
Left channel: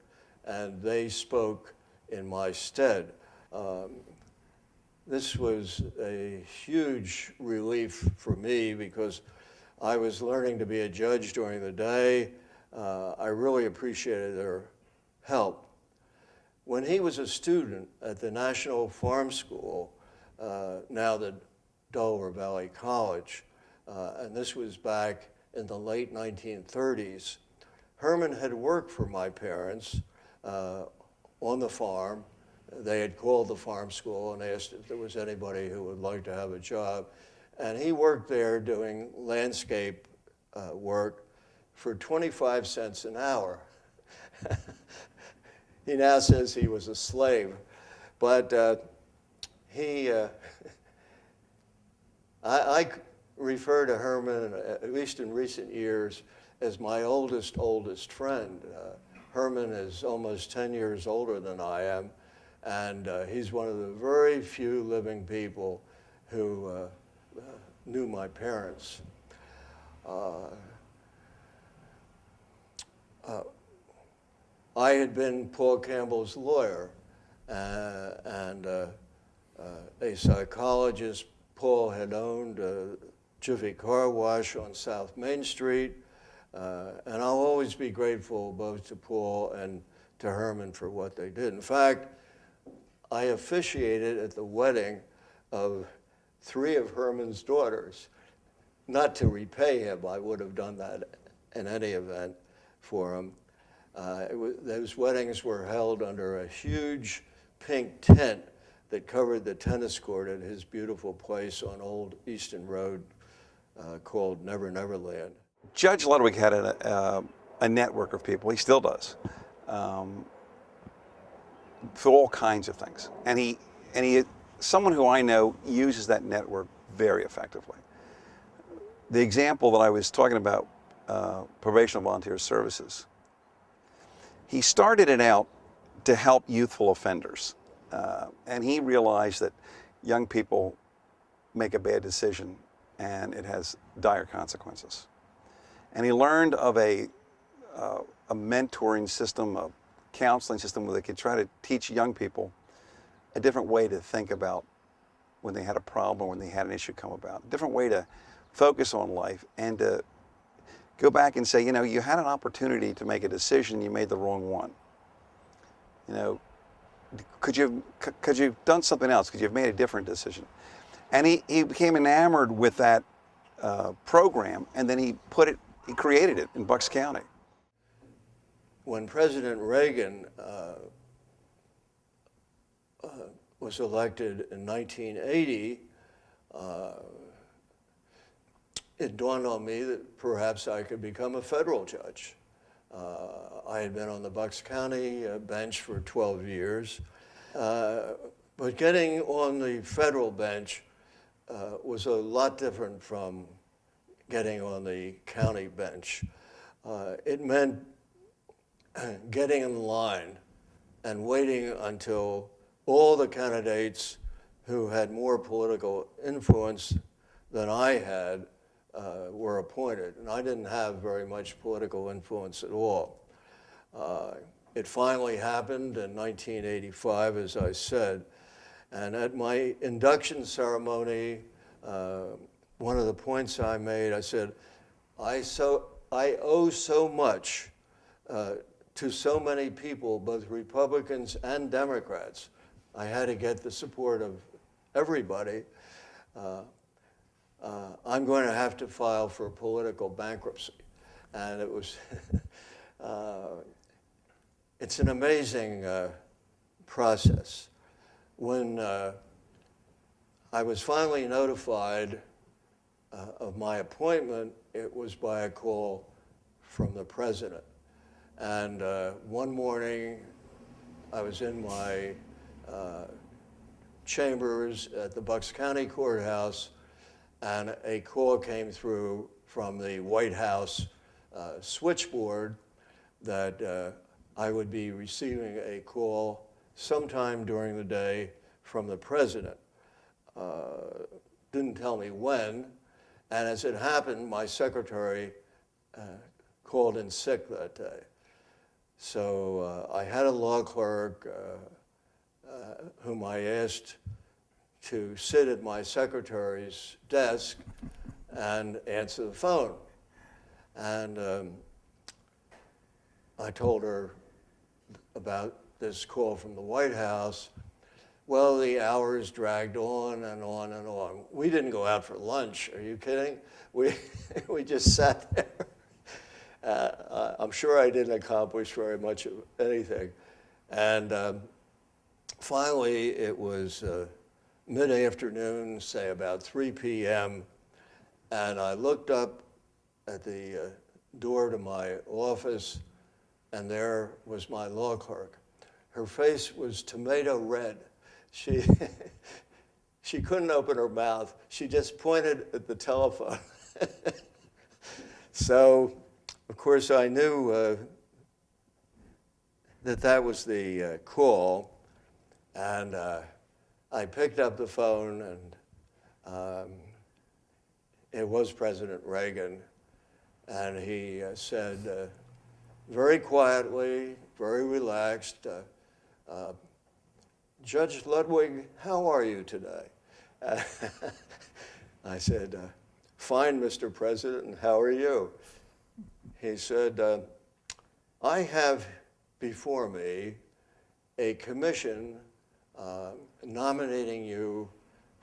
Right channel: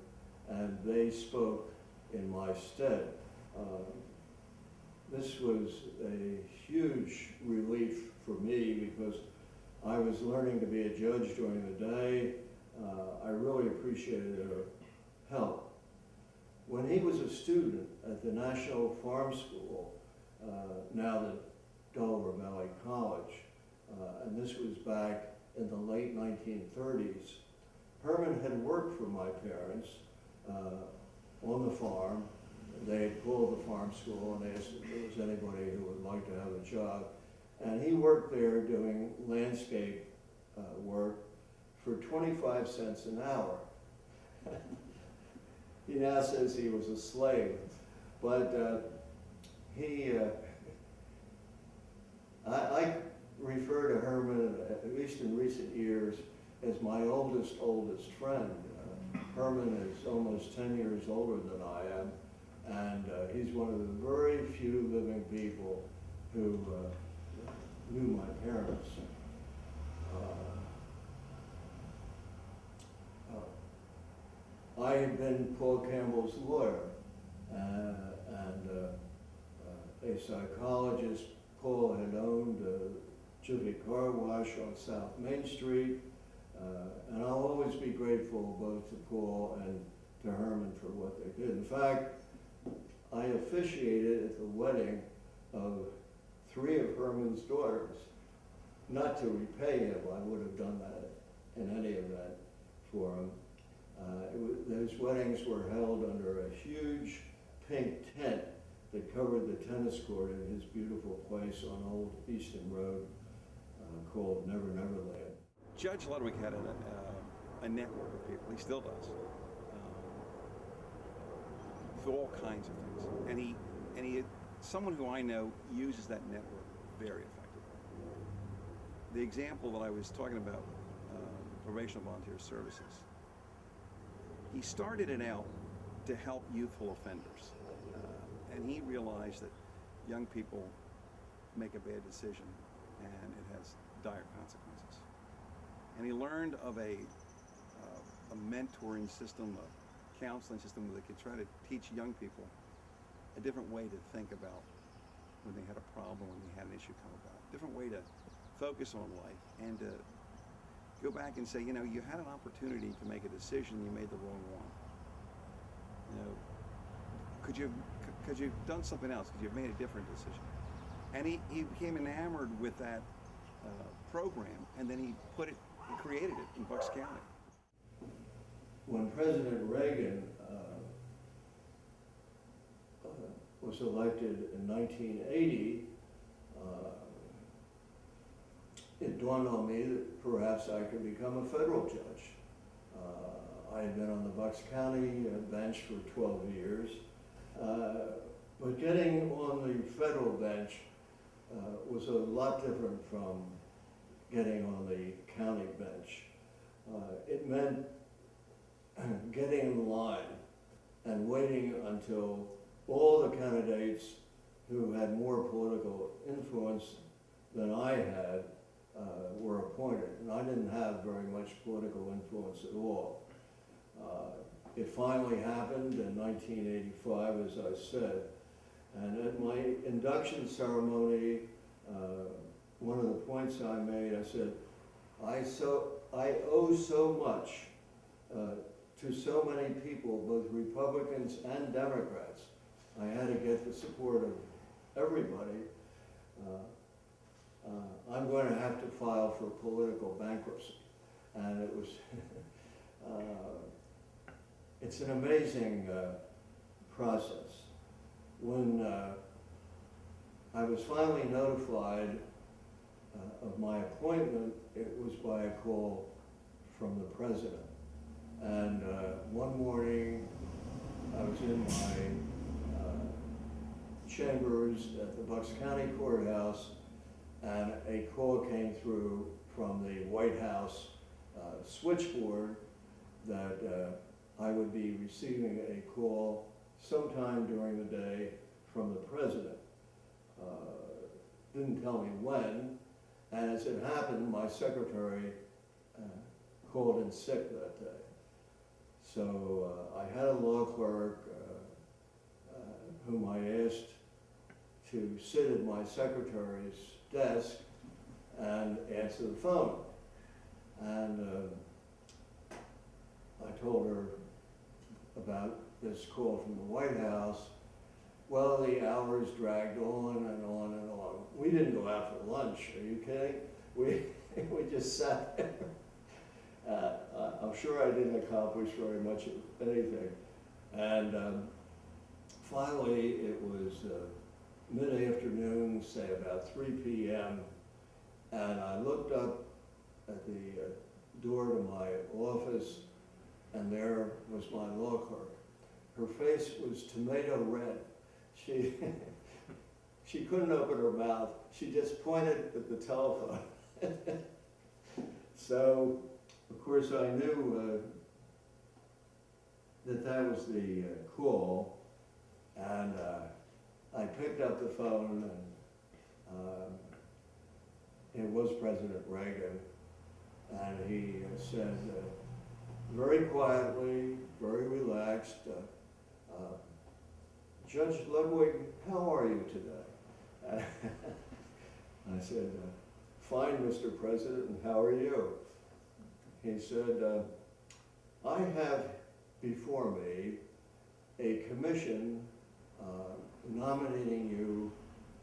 and they spoke in my stead. This was a huge relief for me because I was learning to be a judge during the day. I really appreciated their help. When he was a student at the National Farm School, now the Delaware Valley College, and this was back in the late 1930s, Herman had worked for my parents on the farm. They had called the farm school and asked if there was anybody who would like to have a job. And he worked there doing landscape work for 25 cents an hour. He now says he was a slave. But I refer to Herman, at least in recent years, as my oldest friend. Herman is almost 10 years older than I am, and he's one of the very few living people who knew my parents. I had been Paul Campbell's lawyer, and a psychologist. Paul had owned a Jiffy Car Wash on South Main Street, and I'll always be grateful both to Paul and to Herman for what they did. In fact, I officiated at the wedding of 3 of Herman's daughters. Not to repay him, I would have done that in any event for him. Those weddings were held under a huge pink tent that covered the tennis court at his beautiful place on Old Easton Road called Never Never Land. Judge Ludwig had a network of people, he still does, for all kinds of things. And he, someone who I know uses that network very effectively. The example that I was talking about, probation volunteer services, he started it out to help youthful offenders. And he realized that young people make a bad decision and it has dire consequences. And he learned of a mentoring system, a counseling system where they could try to teach young people a different way to think about when they had a problem or when they had an issue come about, a different way to focus on life and to go back and say, you know, you had an opportunity to make a decision, you made the wrong one. You know, could you have done something else? Could you have made a different decision? And he became enamored with that program, and then he created it in Bucks County. When President Reagan was elected in 1980, it dawned on me that perhaps I could become a federal judge. I had been on the Bucks County bench for 12 years, but getting on the federal bench was a lot different from getting on the county bench. It meant getting in line and waiting until all the candidates who had more political influence than I had were appointed. And I didn't have very much political influence at all. It finally happened in 1985, as I said. And at my induction ceremony, one of the points I made, I said, I owe so much to so many people, both Republicans and Democrats, I had to get the support of everybody. I'm going to have to file for political bankruptcy. And it was, it's an amazing process. When I was finally notified of my appointment, it was by a call from the president. And one morning, I was in my chambers at the Bucks County Courthouse, and a call came through from the White House switchboard that I would be receiving a call sometime during the day from the president. Didn't tell me when, and as it happened, my secretary called in sick that day. So I had a law clerk whom I asked to sit at my secretary's desk and answer the phone. And I told her about this call from the White House. Well, the hours dragged on and on and on. We didn't go out for lunch, are you kidding? We just sat there. I'm sure I didn't accomplish very much of anything. And finally, it was mid-afternoon, say about 3 p.m., and I looked up at the door to my office, and there was my law clerk. Her face was tomato red. She couldn't open her mouth. She just pointed at the telephone. So, of course, I knew that was the call, and I picked up the phone, and it was President Reagan, and he said, very quietly, very relaxed, Judge Ludwig, how are you today? I said, fine, Mr. President, and how are you? He said, I have before me a commission nominating you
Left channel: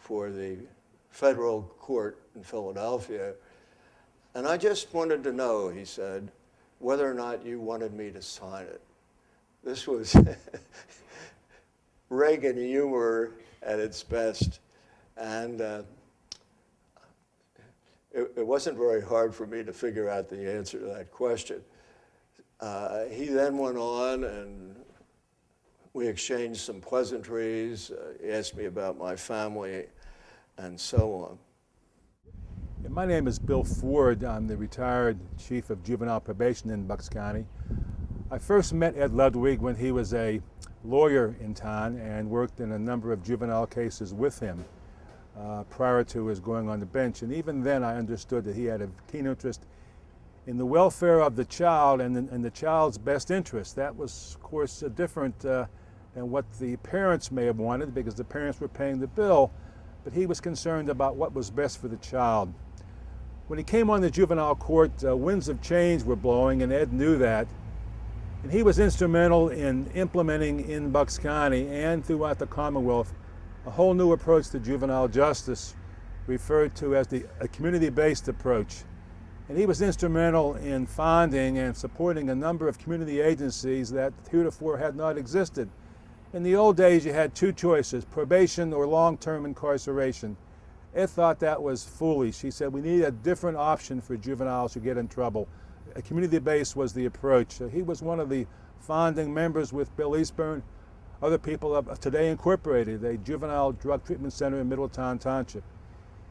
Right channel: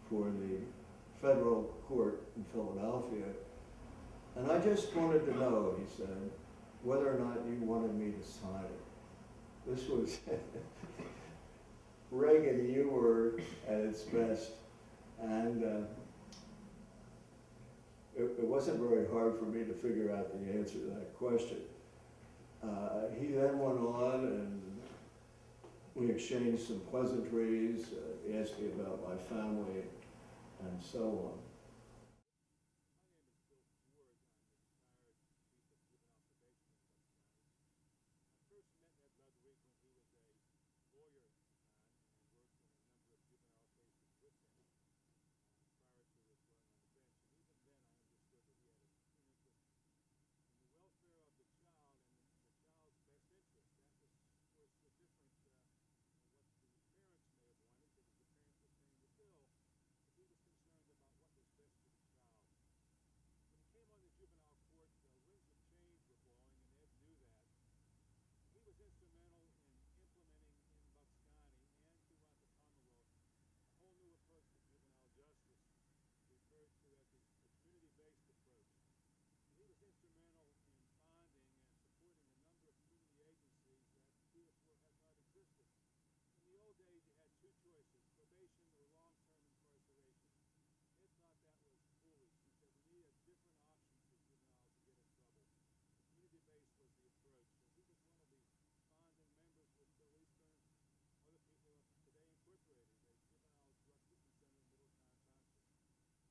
for the federal court in Philadelphia, and I just wanted to know, he said, whether or not you wanted me to sign it. This was Reagan humor at its best, and it wasn't very hard for me to figure out the answer to that question. He then went on, and we exchanged some pleasantries. He asked me about my family, and so on. My name is Bill Ford. I'm the retired chief of juvenile probation in Bucks County. I first met Ed Ludwig when he was a lawyer in town and worked in a number of juvenile cases with him prior to his going on the bench. And even then I understood that he had a keen interest in the welfare of the child and the child's best interest. That was, of course, different than what the parents may have wanted, because the parents were paying the bill, but he was concerned about what was best for the child. When he came on the juvenile court, winds of change were blowing, and Ed knew that. And he was instrumental in implementing in Bucks County and throughout the Commonwealth a whole new approach to juvenile justice, referred to as a community-based approach. And he was instrumental in founding and supporting a number of community agencies that heretofore had not existed. In the old days, you had two choices, probation or long-term incarceration. Ed thought that was foolish. He said, we need a different option for juveniles who get in trouble. A community-based was the approach. He was one of the founding members with Bill Eastburn, other people of Today Incorporated, a juvenile drug treatment center in Middletown Township.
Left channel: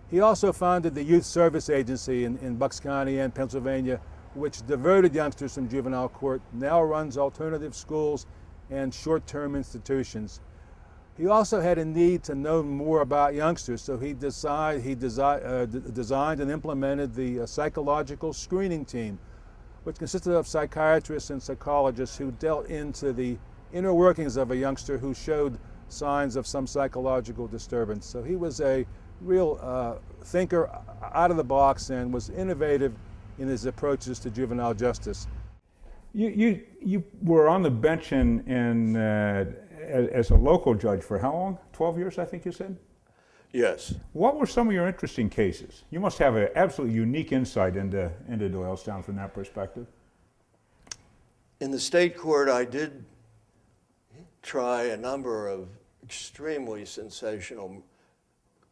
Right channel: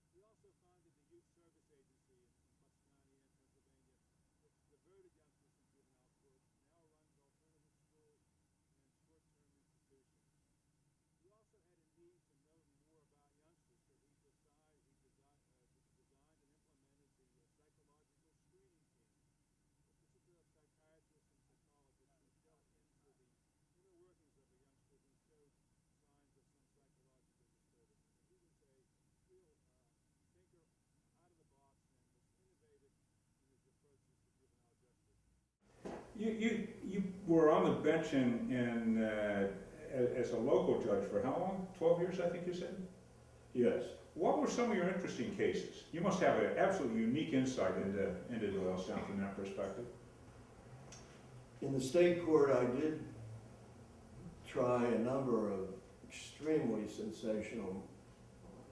He also founded the Youth Service Agency in Bucks County and Pennsylvania, which diverted youngsters from juvenile court, now runs alternative schools and short-term institutions. He also had a need to know more about youngsters, so he designed and implemented the psychological screening team, which consisted of psychiatrists and psychologists who dealt into the inner workings of a youngster who showed signs of some psychological disturbance. So he was a real thinker out of the box and was innovative in his approaches to juvenile justice. You were on the bench in as a local judge for how long? 12 years, I think you said? Yes. What were some of your interesting cases? You must have an absolutely unique insight into Doylestown from that perspective. In the state court, I did try a number of extremely sensational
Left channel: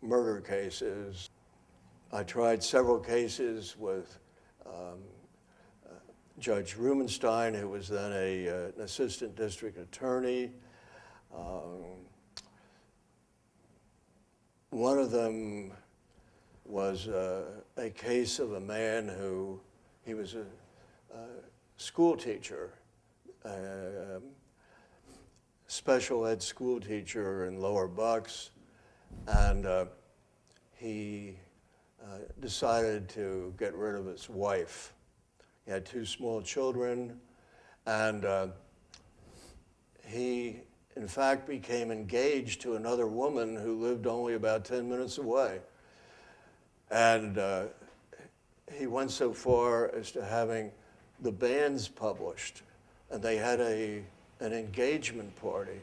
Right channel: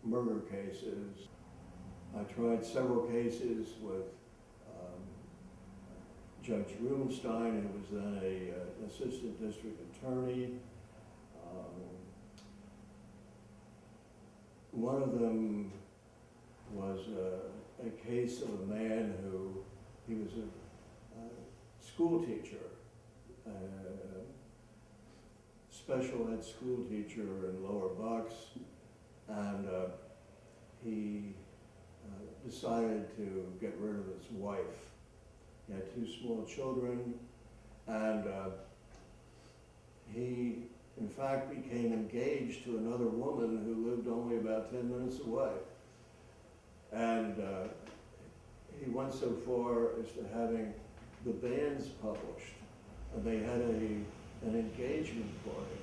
murder cases. I tried several cases with Judge Rubenstein, who was then an assistant district attorney. One of them was a case of a man who, he was a school teacher, special ed school teacher in Lower Bucks, and he decided to get rid of his wife. He had 2 small children, and he, in fact, became engaged to another woman who lived only about 10 minutes away. And he went so far as to having the banns published, and they had an engagement party.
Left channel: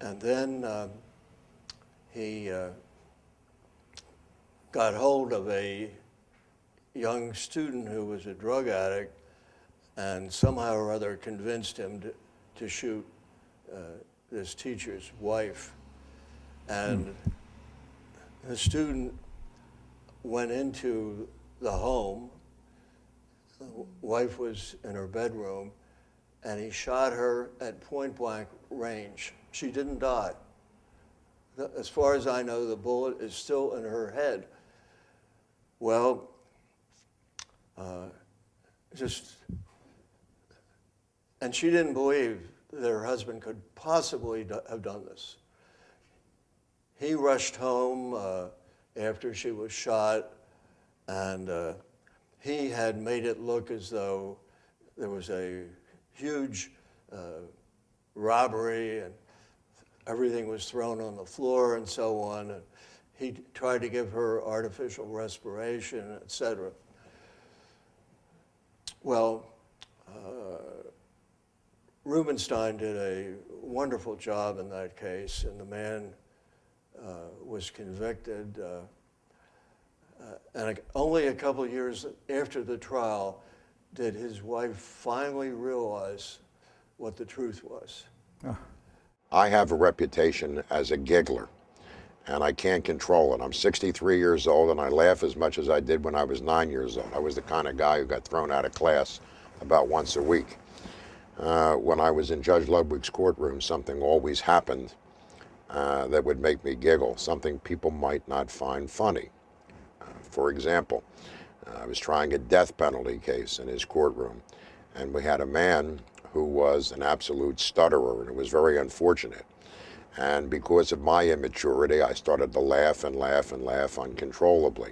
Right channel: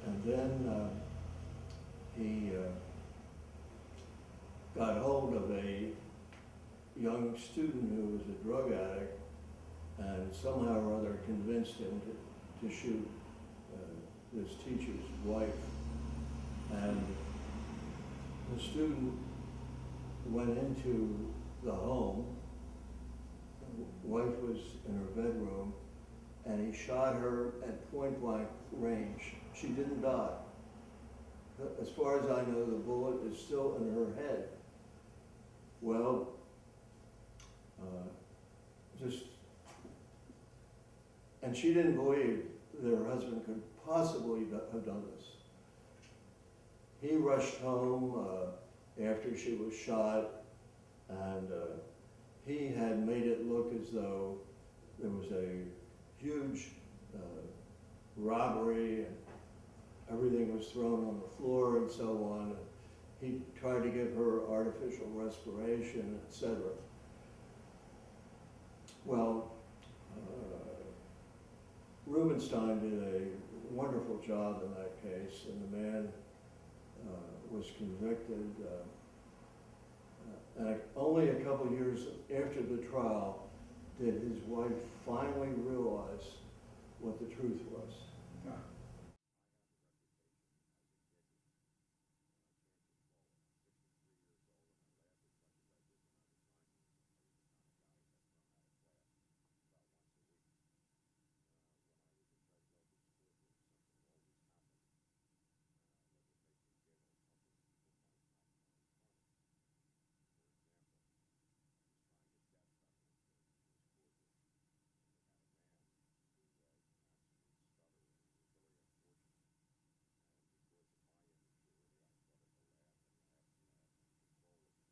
And then he got hold of a young student who was a drug addict, and somehow or other convinced him to shoot this teacher's wife. And the student went into the home. The wife was in her bedroom, and he shot her at point-blank range. She didn't die. As far as I know, the bullet is still in her head. Well, and she didn't believe that her husband could possibly have done this. He rushed home after she was shot, and he had made it look as though there was a huge robbery and everything was thrown on the floor and so on. And he tried to give her artificial respiration, etc. Well, Rubenstein did a wonderful job in that case, and the man was convicted. And only a couple of years after the trial did his wife finally realize what the truth was. I have a reputation as a giggler, and I can't control it. I'm 63 years old, and I laugh as much as I did when I was 9 years old. I was the kind of guy who got thrown out of class about once a week. When I was in Judge Ludwig's courtroom, something always happened that would make me giggle, something people might not find funny. For example, I was trying a death penalty case in his courtroom, and we had a man who was an absolute stutterer, and it was very unfortunate. And because of my immaturity, I started to laugh and laugh and laugh uncontrollably.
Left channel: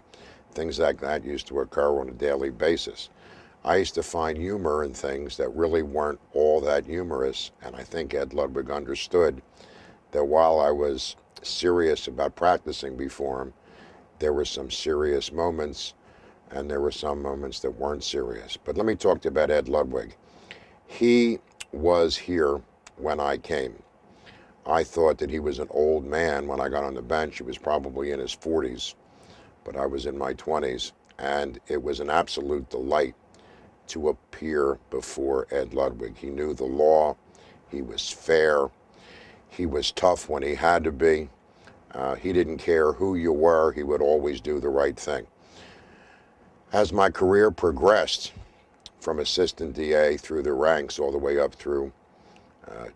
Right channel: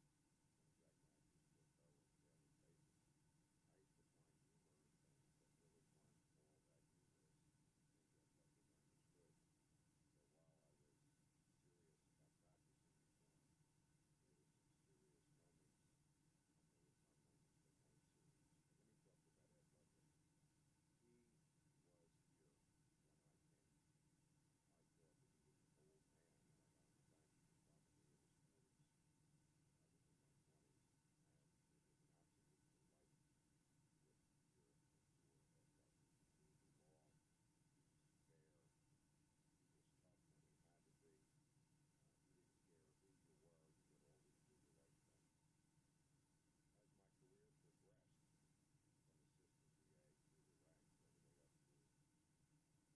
Things like that used to occur on a daily basis. I used to find humor in things that really weren't all that humorous, and I think Ed Ludwig understood that while I was serious about practicing before him, there were some serious moments, and there were some moments that weren't serious. But let me talk to you about Ed Ludwig. He was here when I came. I thought that he was an old man when I got on the bench. He was probably in his 40s, but I was in my 20s, and it was an absolute delight to appear before Ed Ludwig. He knew the law, he was fair, he was tough when he had to be. He didn't care who you were, he would always do the right thing. As my career progressed, from assistant DA through the ranks all the way up through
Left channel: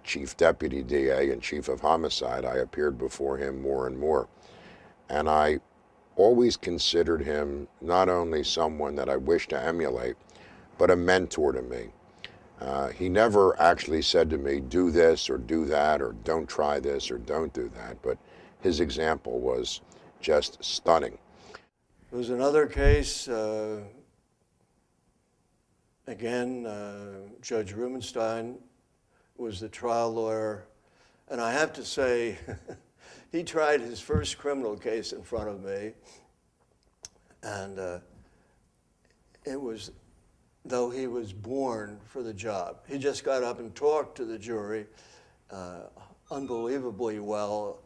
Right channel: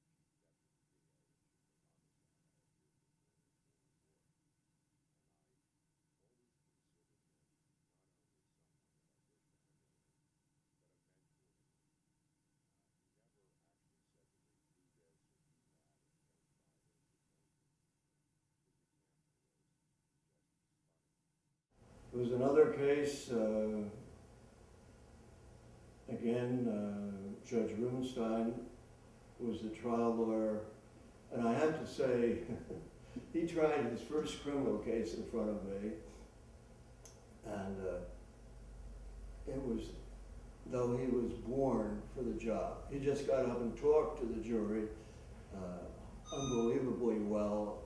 chief deputy DA and chief of homicide, I appeared before him more and more. And I always considered him not only someone that I wished to emulate, but a mentor to me. He never actually said to me, do this or do that, or don't try this or don't do that, but his example was just stunning. There was another case, again, Judge Rubenstein was the trial lawyer, and I have to say, he tried his first criminal case in front of me, and it was, though he was born for the job. He just got up and talked to the jury, unbelievably well.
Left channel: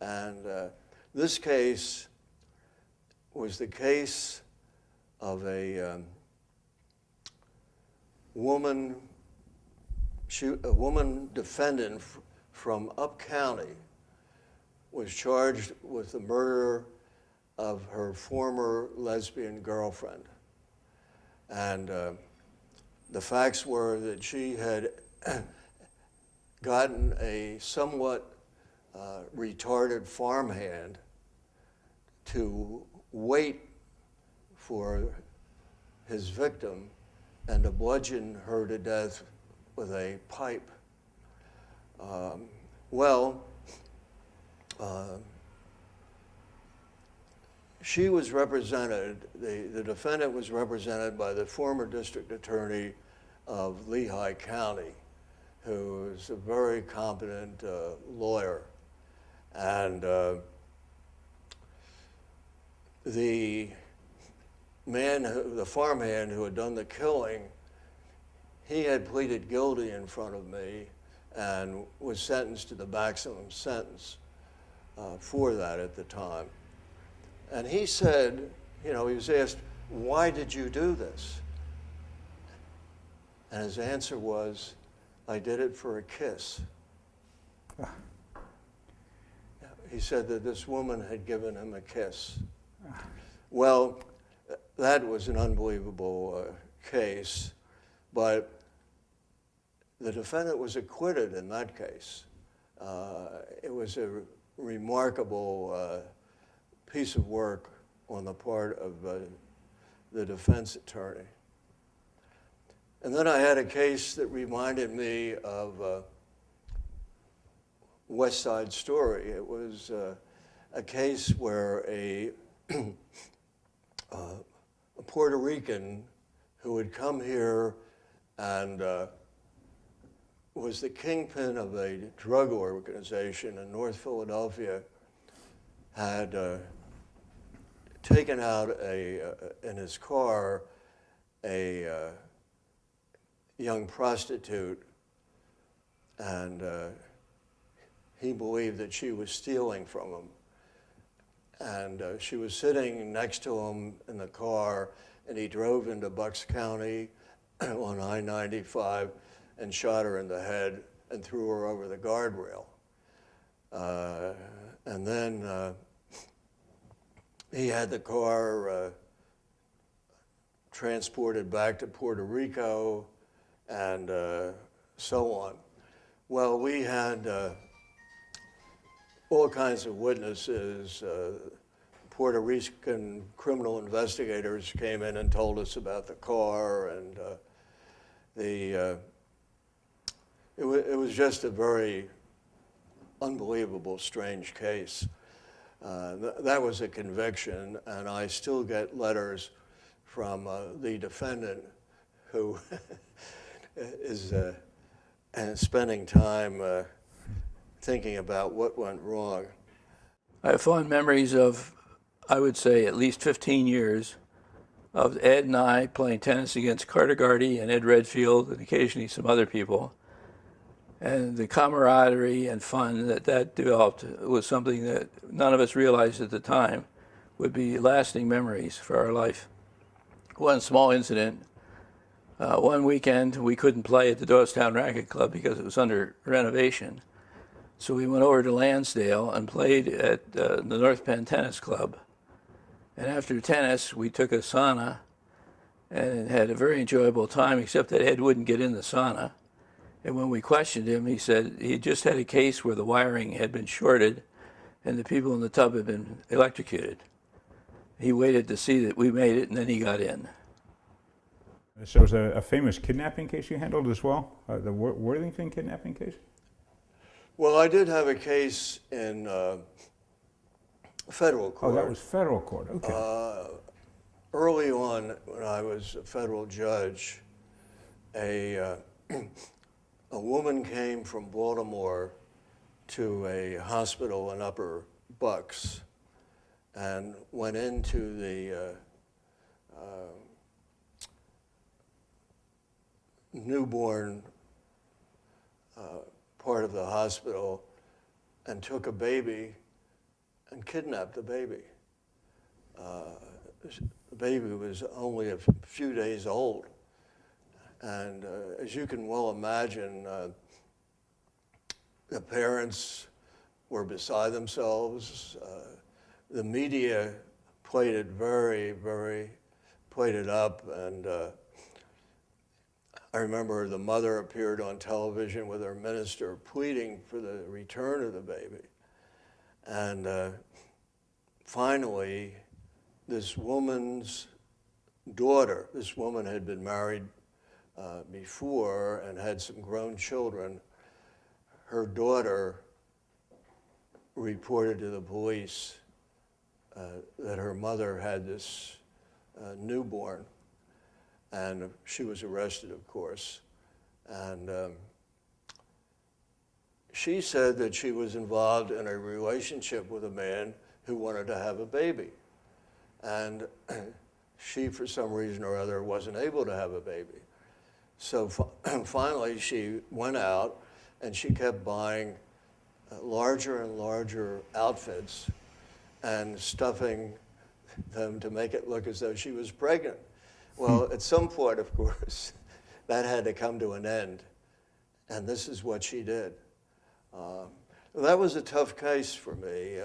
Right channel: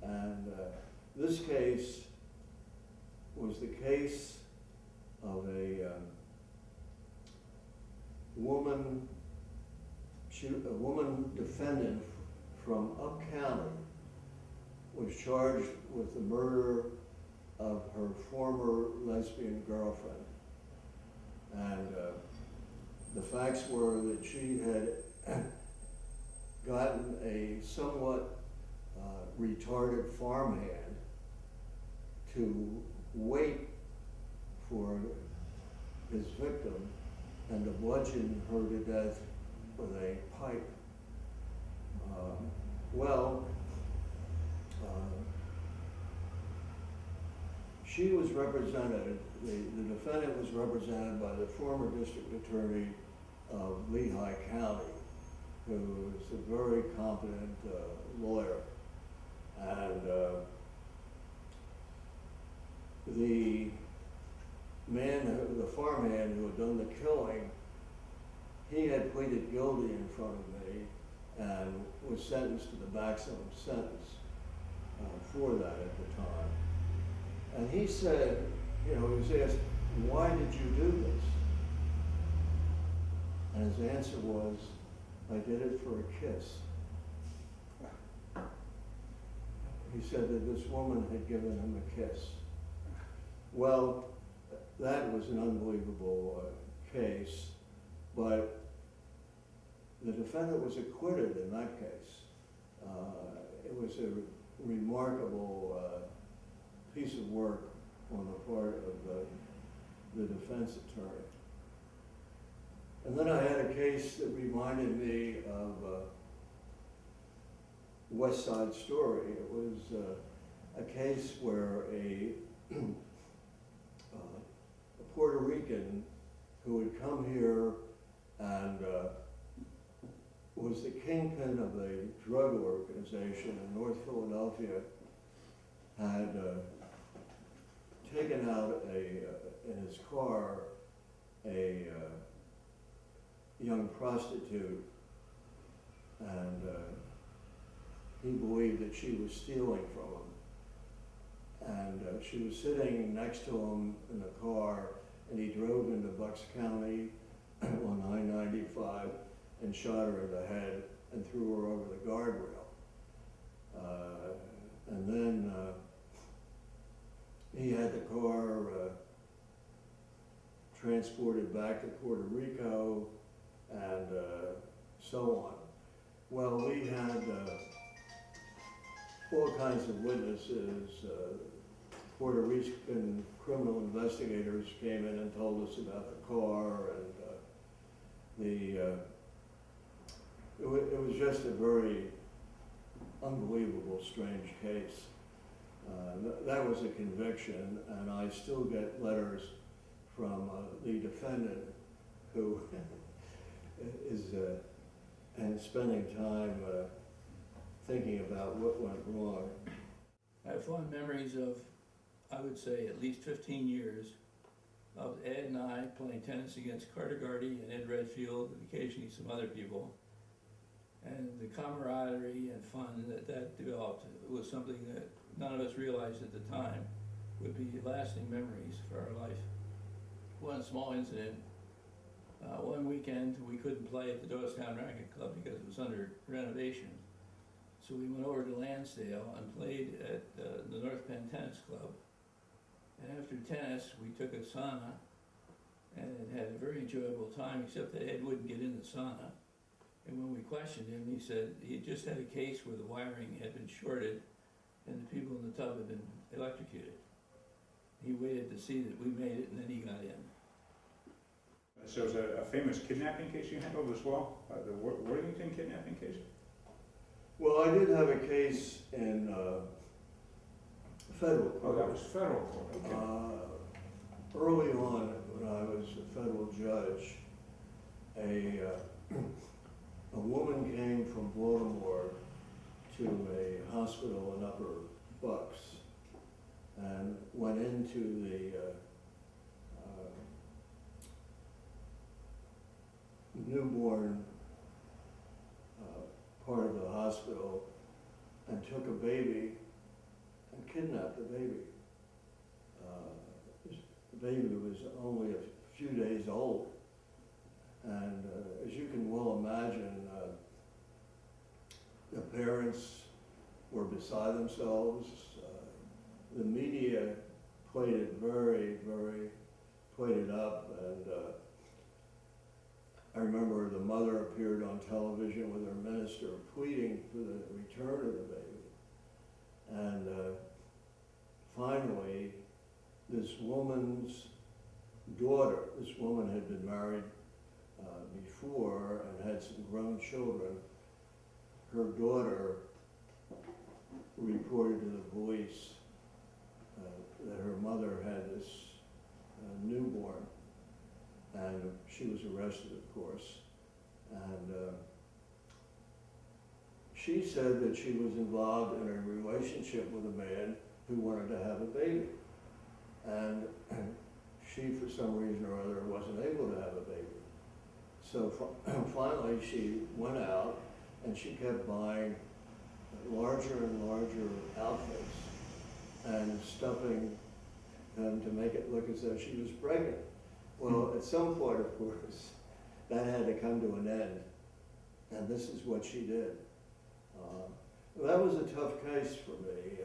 And this case was the case of a woman defendant from Up County was charged with the murder of her former lesbian girlfriend. And the facts were that she had gotten a somewhat retarded farmhand to wait for his victim and to bludgeon her to death with a pipe. She was represented, the defendant was represented by the former district attorney of Lehigh County, who is a very competent lawyer. And the farmhand who had done the killing, he had pleaded guilty in front of me and was sentenced to the maximum sentence for that at the time. And he said, you know, he was asked, why did you do this? And his answer was, I did it for a kiss. He said that this woman had given him a kiss. Well, that was an unbelievable case, but the defendant was acquitted in that case. It was a remarkable piece of work on the part of the defense attorney. And then I had a case that reminded me of West Side Story. It was a case where a Puerto Rican who had come here and was the kingpin of a drug organization in North Philadelphia had taken out in his car a young prostitute, and he believed that she was stealing from him. And she was sitting next to him in the car, and he drove into Bucks County on I-95 and shot her in the head and threw her over the guardrail. And then he had the car transported back to Puerto Rico and so on. Well, we had all kinds of witnesses. Puerto Rican criminal investigators came in and told us about the car, and it was just a very unbelievable, strange case. That was a conviction, and I still get letters from the defendant who is spending time thinking about what went wrong. I have fond memories of, I would say, at least 15 years of Ed and I playing tennis against Carter Gardy and Ed Redfield and occasionally some other people. And the camaraderie and fun that developed was something that none of us realized at the time would be lasting memories for our life. One small incident, one weekend we couldn't play at the Doylestown Racket Club because it was under renovation. So we went over to Lansdale and played at the North Penn Tennis Club. And after tennis, we took a sauna and had a very enjoyable time, except that Ed wouldn't get in the sauna. And when we questioned him, he said he just had a case where the wiring had been shorted and the people in the tub had been electrocuted. He waited to see that we made it, and then he got in. So it was a famous kidnapping case you handled as well, the Worthington kidnapping case? Well, I did have a case in federal court. Oh, that was federal court, okay. Early on, when I was a federal judge, a woman came from Baltimore to a hospital in Upper Bucks and went into the newborn part of the hospital and took a baby and kidnapped the baby. The baby was only a few days old. And as you can well imagine, the parents were beside themselves. The media played it played it up. And I remember the mother appeared on television with her minister pleading for the return of the baby. And finally, this woman's daughter, this woman had been married before and had some grown children. Her daughter reported to the police that her mother had this newborn, and she was arrested, of course. And she said that she was involved in a relationship with a man who wanted to have a baby. And she, for some reason or other, wasn't able to have a baby. So finally, she went out and she kept buying larger and larger outfits and stuffing them to make it look as though she was pregnant. Well, at some point, of course, that had to come to an end. And this is what she did. That was a tough case for me.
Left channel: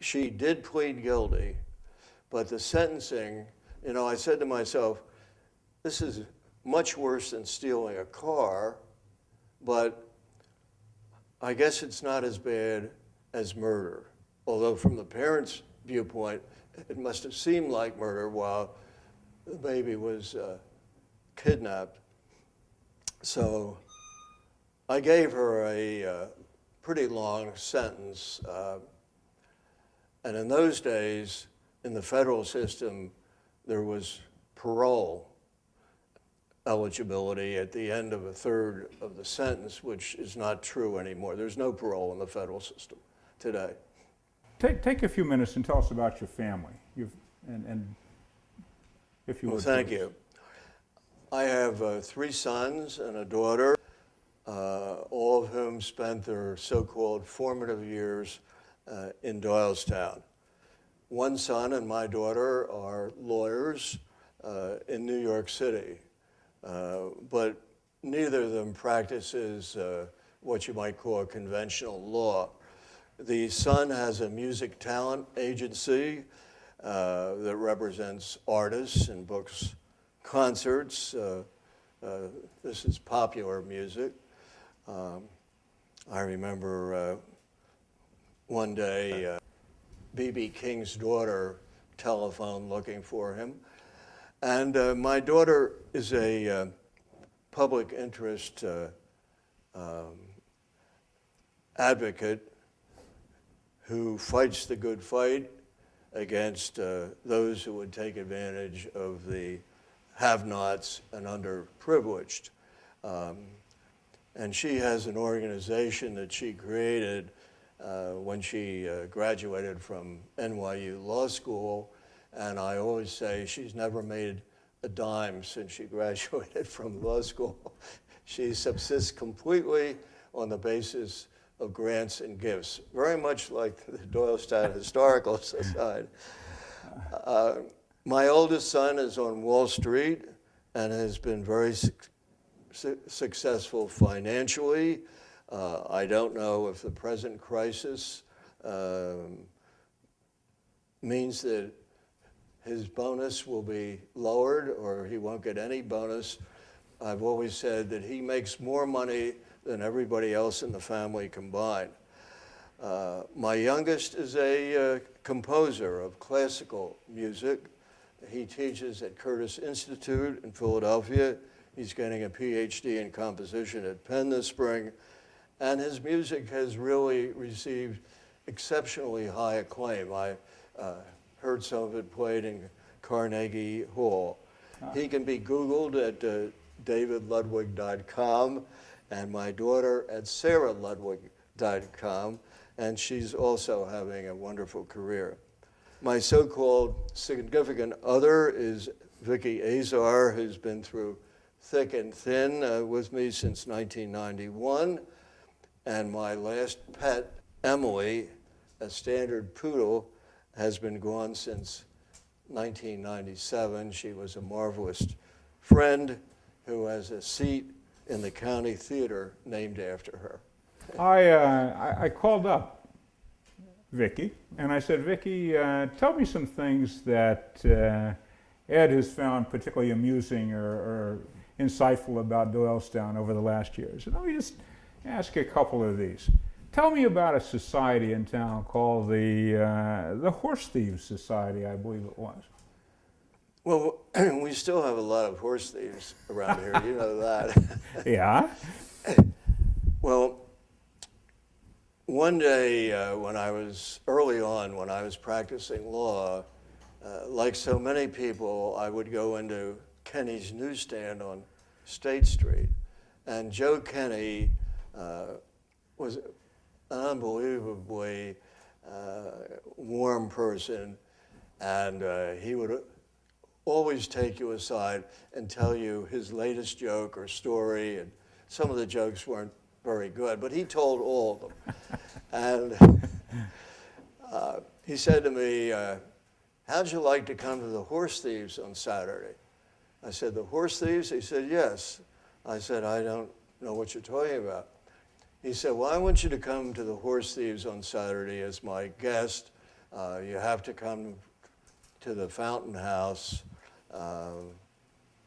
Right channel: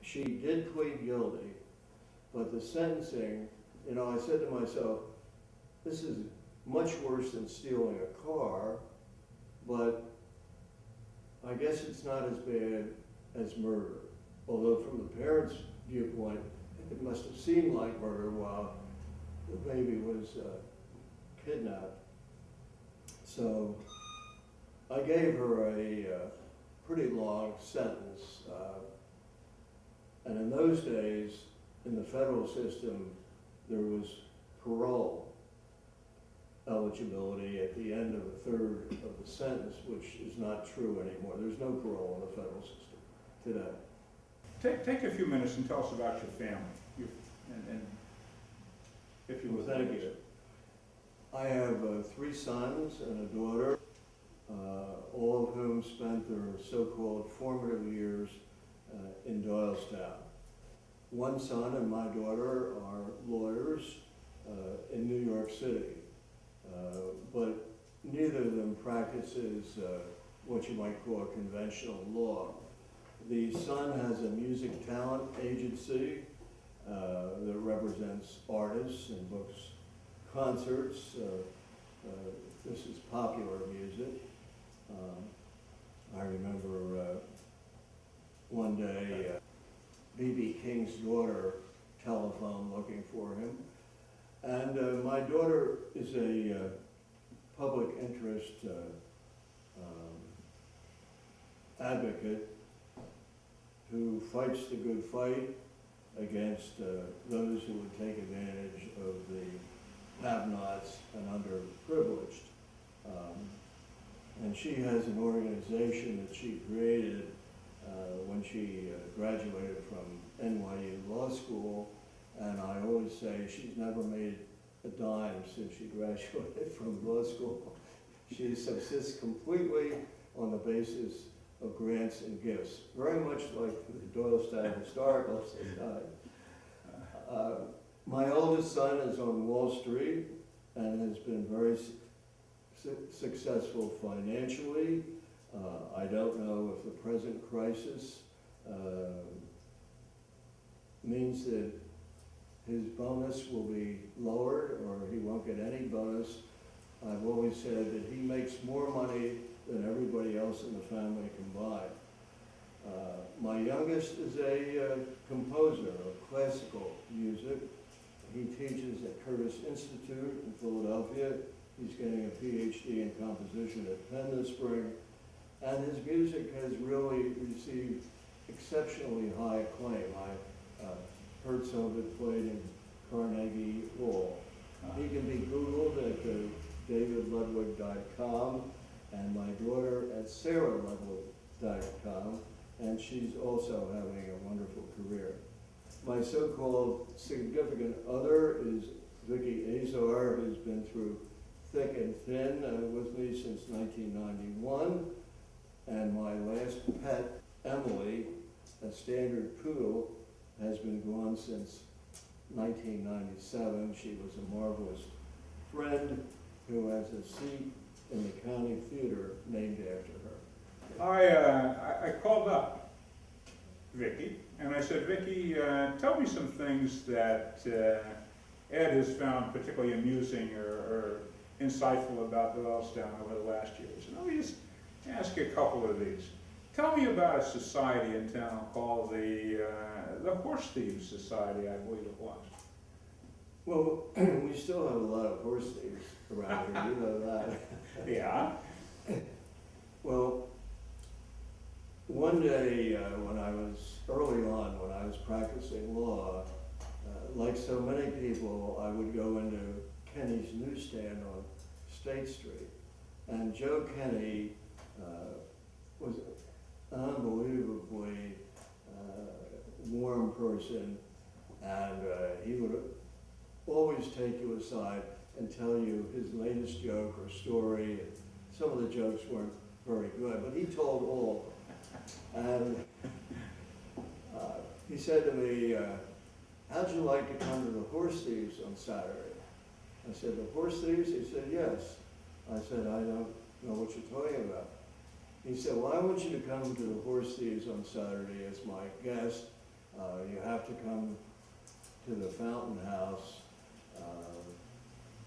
She did plead guilty, but the sentencing, you know, I said to myself, this is much worse than stealing a car, but I guess it's not as bad as murder. Although from the parents' viewpoint, it must have seemed like murder while the baby was kidnapped. So I gave her a pretty long sentence. And in those days, in the federal system, there was parole eligibility at the end of a third of the sentence, which is not true anymore. There's no parole in the federal system today. Take a few minutes and tell us about your family. And if you Well, would. thank please. you. I have 3 sons and a daughter, all of whom spent their so-called formative years in Doylestown. One son and my daughter are lawyers in New York City, but neither of them practices what you might call conventional law. The son has a music talent agency that represents artists and books concerts. This is popular music. I remember one day B.B. King's daughter telephoned looking for him. And my daughter is a public interest advocate who fights the good fight against those who would take advantage of the have-nots and underprivileged. And she has an organization that she created when she graduated from NYU Law School, and I always say she's never made a dime since she graduated from law school. She subsists completely on the basis of grants and gifts, very much like the Doylestown Historical Society. My oldest son is on Wall Street and has been very successful financially. I don't know if the present crisis means that his bonus will be lowered or he won't get any bonus. I've always said that he makes more money than everybody else in the family combined. My youngest is a composer of classical music. He teaches at Curtis Institute in Philadelphia. He's getting a PhD in composition at Penn this spring. And his music has really received exceptionally high acclaim. I heard some of it played in Carnegie Hall. He can be Googled at davidludwig.com and my daughter at saraludwig.com, and she's also having a wonderful career. My so-called significant other is Vicki Azar, who's been through thick and thin with me since 1991. And my last pet, Emily, a standard poodle, has been gone since 1997. She was a marvelous friend who has a seat in the county theater named after her. I called up Vicki, and I said, Vicki, tell me some things that Ed has found particularly amusing or insightful about Doylestown over the last years. And let me just ask a couple of these. Tell me about a society in town called the Horse Thieves Society, I believe it was. Well, we still have a lot of horse thieves around here, you know that. Yeah? Well, one day when I was early on, when I was practicing law, like so many people, I would go into Kenny's newsstand on State Street. And Joe Kenny was an unbelievably warm person, and he would always take you aside and tell you his latest joke or story, and some of the jokes weren't very good, but he told all of them. And he said to me, how'd you like to come to the Horse Thieves on Saturday? I said, the Horse Thieves? He said, yes. I said, I don't know what you're talking about. He said, well, I want you to come to the Horse Thieves on Saturday as my guest. You have to come to the Fountain House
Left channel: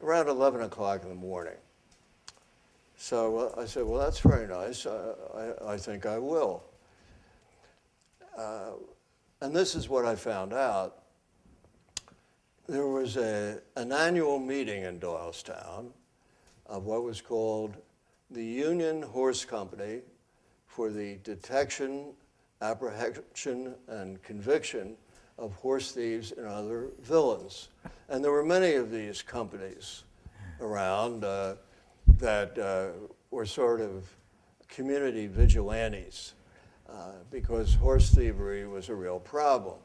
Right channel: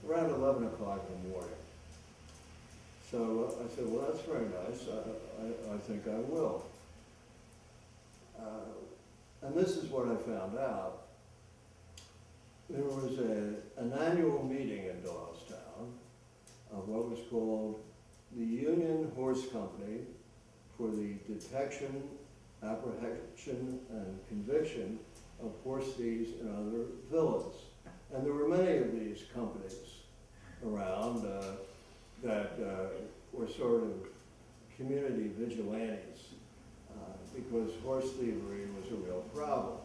around 11 o'clock in the morning. So I said, well, that's very nice. I think I will. And this is what I found out. There was an annual meeting in Doylestown of what was called the Union Horse Company for the Detection, Apprehension, and Conviction of Horse Thieves and Other Villains. And there were many of these companies around that were sort of community vigilantes because horse thievery was a real problem.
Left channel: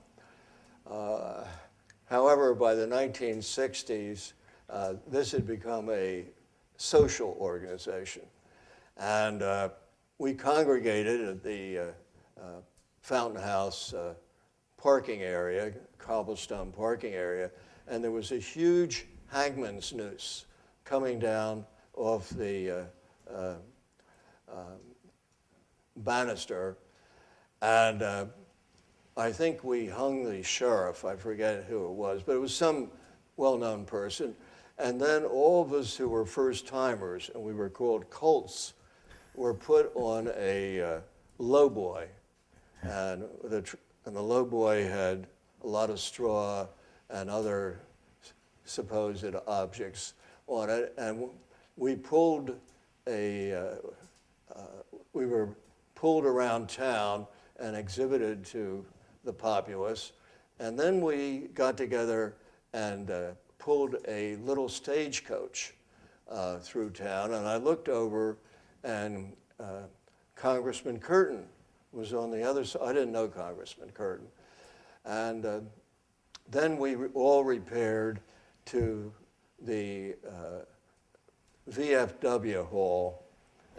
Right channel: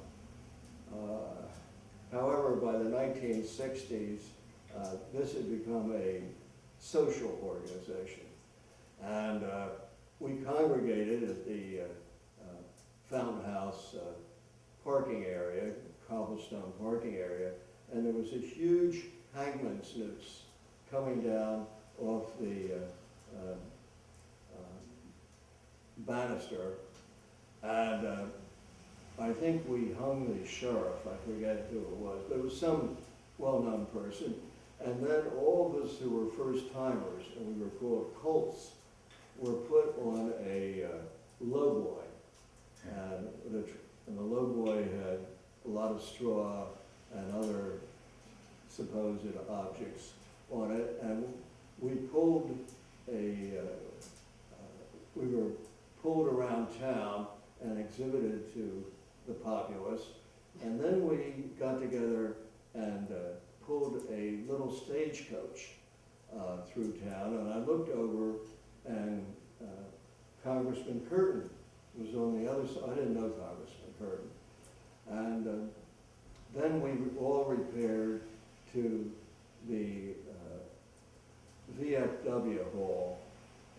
However, by the 1960s, this had become a social organization. And we congregated at the Fountain House parking area, cobblestone parking area, and there was a huge hangman's noose coming down off the banister. And I think we hung the sheriff, I forget who it was, but it was some well-known person. And then all of us who were first-timers, and we were called colts, were put on a lowboy. And the lowboy had a lot of straw and other supposed objects on it. And we pulled we were pulled around town and exhibited to the populace. And then we got together and pulled a little stagecoach through town. And I looked over, and Congressman Curtin was on the other side. I didn't know Congressman Curtin. And then we all repaired to the VFW hall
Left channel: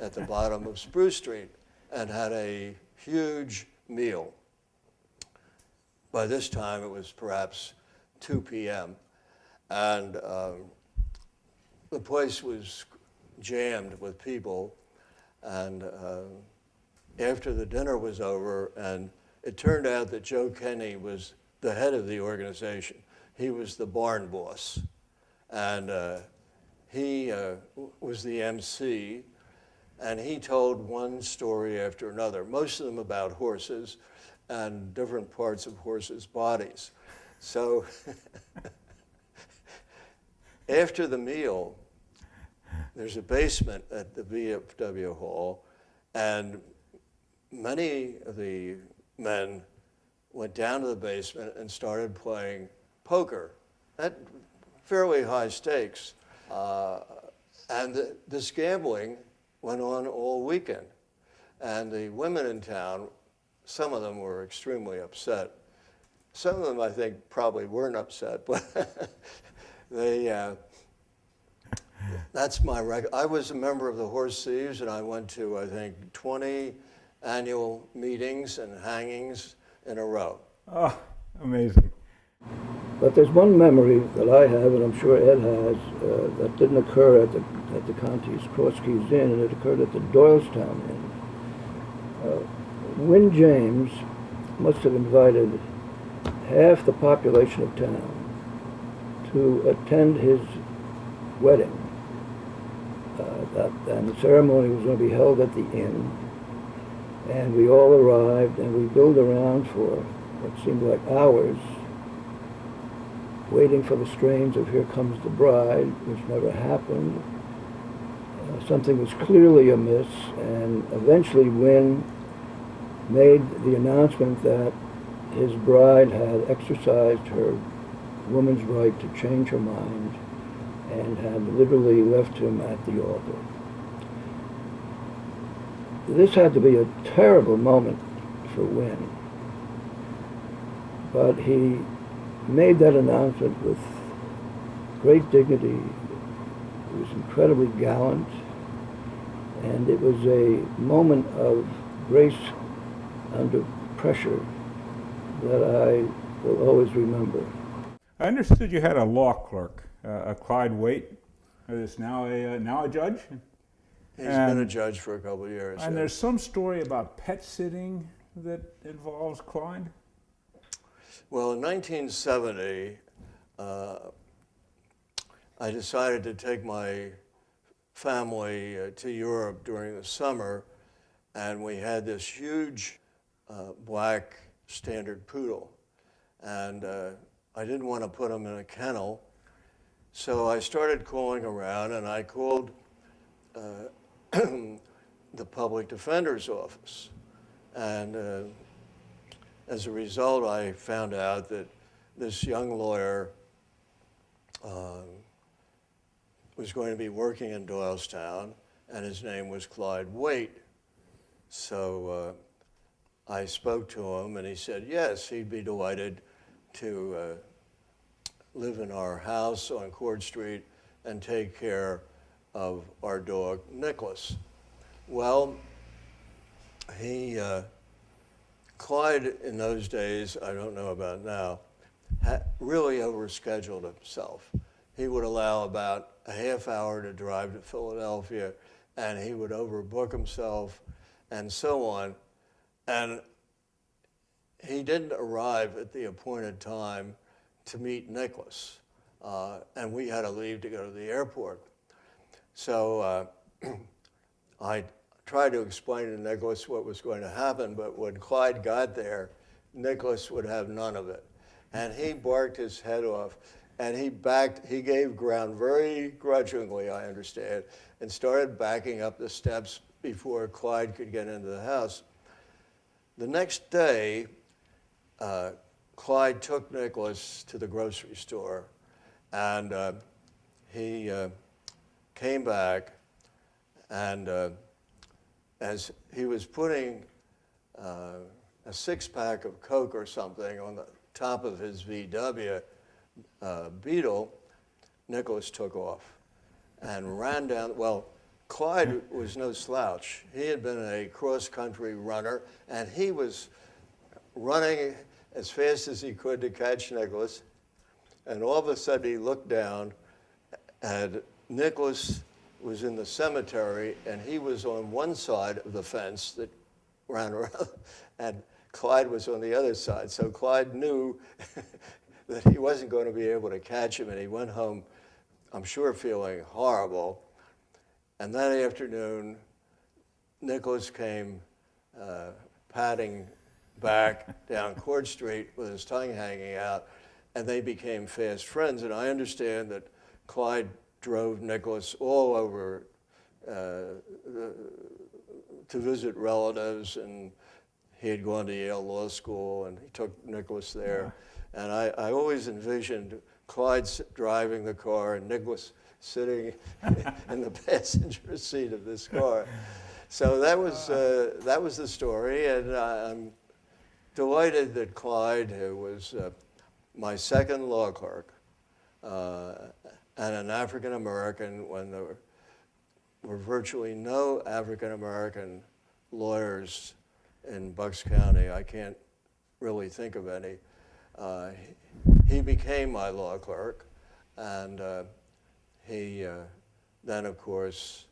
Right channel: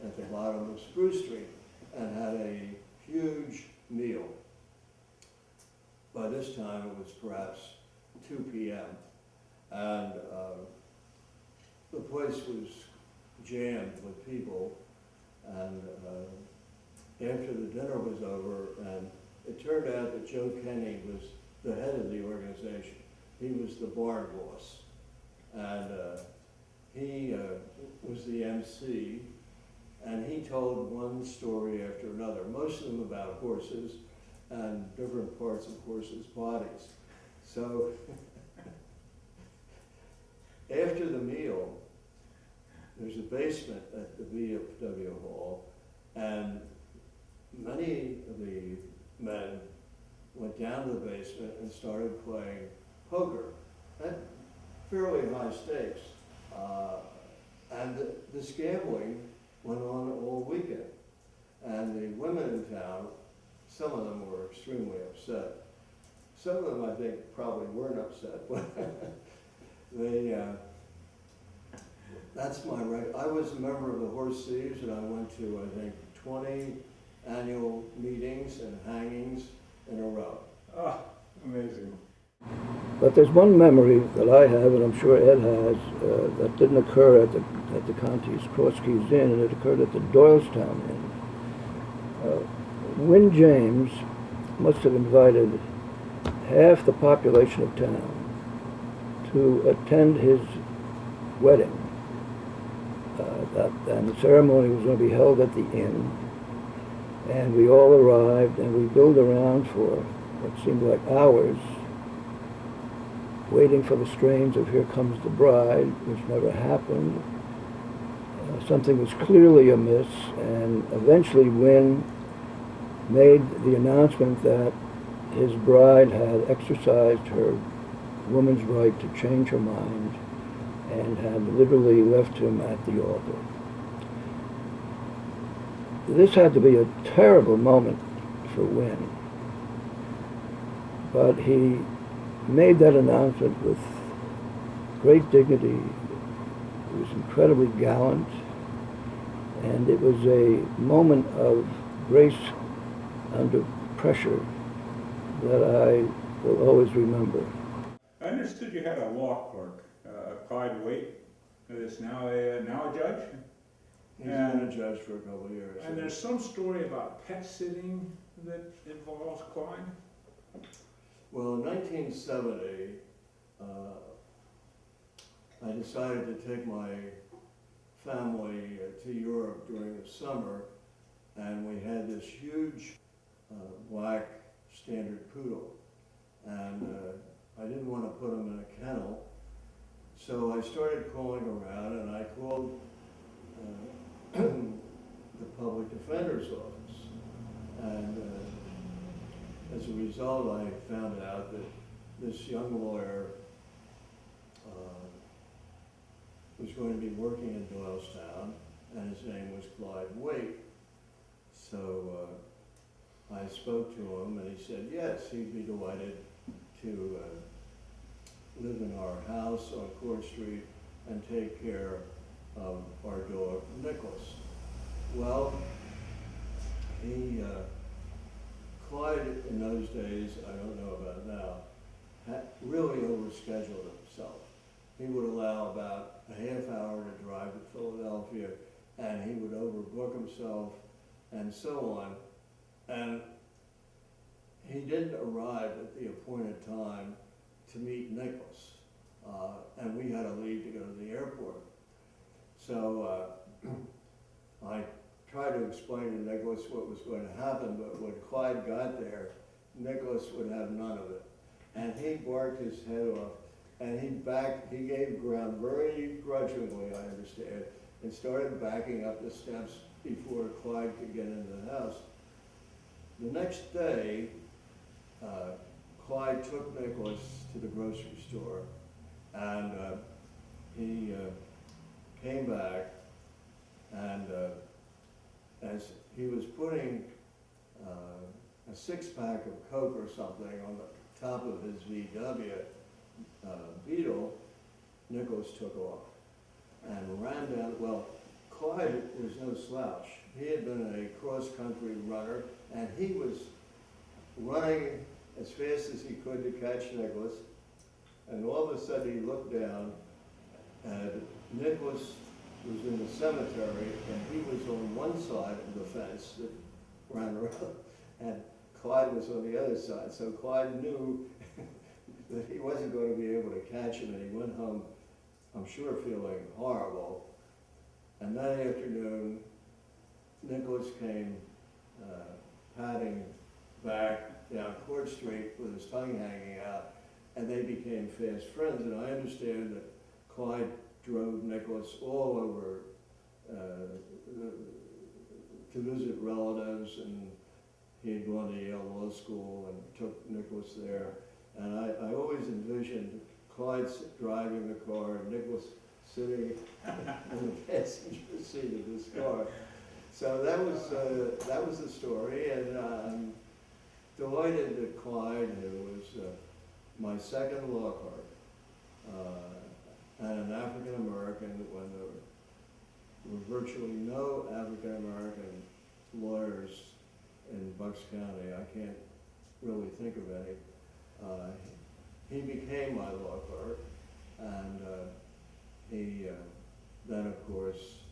at the bottom of Spruce Street and had a huge meal. By this time, it was perhaps 2 p.m. And the place was jammed with people. And after the dinner was over, and it turned out that Joe Kenny was the head of the organization. He was the barn boss. And he was the MC, and he told one story after another, most of them about horses and different parts of horses' bodies. So after the meal, there's a basement at the VFW hall, and many of the men went down to the basement and started playing poker at fairly high stakes. And this gambling went on all weekend. And the women in town, some of them were extremely upset. Some of them, I think, probably weren't upset, but That's my record. I was a member of the Horse Thieves, and I went to, I think, 20 annual meetings and hangings in a row. Oh, amazing. But there's one memory that I have, and I'm sure Ed has, that didn't occur at the Conti's Cross Keys Inn, and it occurred at the Doylestown Inn. Win James must have invited half the population of town to attend his wedding. And the ceremony was going to be held at the inn, and we all arrived, and we billed around for what seemed like hours, waiting for the strains of Here Comes the Bride, which never happened. Something was clearly amiss, and eventually Wynn made the announcement that his bride had exercised her woman's right to change her mind and had literally left him at the altar. This had to be a terrible moment for Wynn, but he made that announcement with great dignity. He was incredibly gallant, and it was a moment of grace under pressure that I will always remember. I understood you had a law clerk, a Clyde Waite, who is now a judge. He's been a judge for a couple of years. And yeah. there's some story about pet sitting that involves Clyde. Well, in 1970, I decided to take my family to Europe during the summer, and we had this huge black standard poodle, and I didn't want to put him in a kennel, so I started calling around, and I called the public defender's office, and as a result, I found out that this young lawyer was going to be working in Doylestown, and his name was Clyde Waite. So I spoke to him, and he said yes, he'd be delighted to live in our house on Court Street and take care of our dog, Nicholas. Well, Clyde in those days, I don't know about now, really overscheduled himself. He would allow about a half hour to drive to Philadelphia, and he would overbook himself and so on. And he didn't arrive at the appointed time to meet Nicholas, and we had to leave to go to the airport. So I tried to explain to Nicholas what was going to happen, but when Clyde got there, Nicholas would have none of it. And he barked his head off, and he gave ground very grudgingly, I understand, and started backing up the steps before Clyde could get into the house. The next day, Clyde took Nicholas to the grocery store, and he came back, and as he was putting a six-pack of Coke or something on the top of his VW Beetle, Nicholas took off and ran down. Well, Clyde was no slouch. He had been a cross-country runner, and he was running as fast as he could to catch Nicholas. And all of a sudden, he looked down, and Nicholas was in the cemetery, and he was on one side of the fence that ran around, and Clyde was on the other side. So Clyde knew that he wasn't going to be able to catch him, and he went home, I'm sure, feeling horrible. And that afternoon, Nicholas came padding back down Court Street with his tongue hanging out, and they became fast friends. And I understand that Clyde drove Nicholas all over to visit relatives, and he had gone to Yale Law School, and he took Nicholas there. And I always envisioned Clyde driving the car and Nicholas sitting in the passenger seat of this car. So that was the story, and I'm delighted that Clyde, who was my second law clerk, and an African American when there were virtually no African American lawyers in Bucks County. I can't really think of any. He became my law clerk, and he then, of course,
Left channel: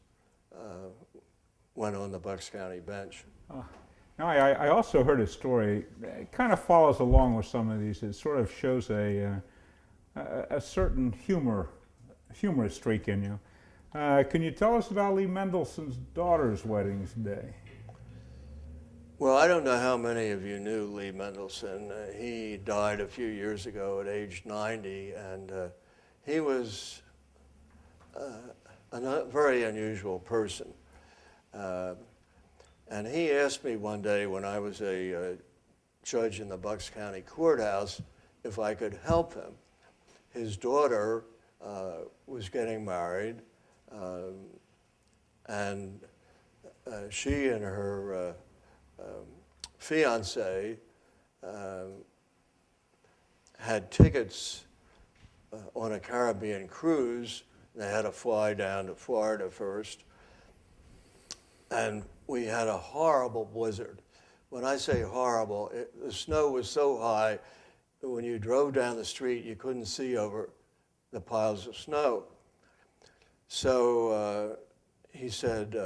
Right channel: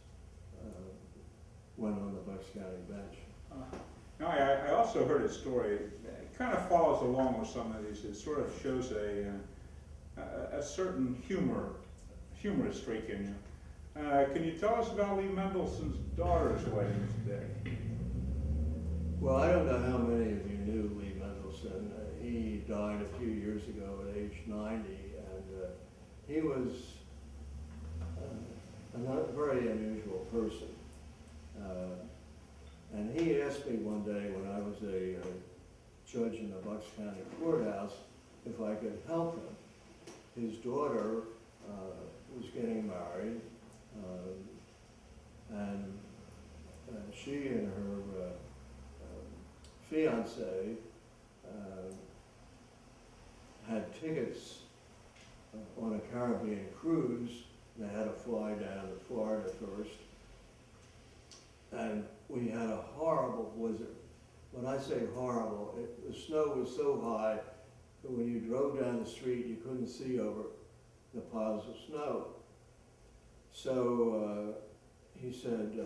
went on the Bucks County bench. Now, I also heard a story. It kind of follows along with some of these. It sort of shows a certain humorous streak in you. Can you tell us about Lee Mendelssohn's daughter's wedding today? Well, I don't know how many of you knew Lee Mendelssohn. He died a few years ago at age 90, and he was a very unusual person. And he asked me one day when I was a judge in the Bucks County Courthouse if I could help him. His daughter was getting married, and she and her fiance had tickets on a Caribbean cruise. They had to fly down to Florida first. And we had a horrible blizzard. When I say horrible, the snow was so high that when you drove down the street, you couldn't see over the piles of snow. So he said,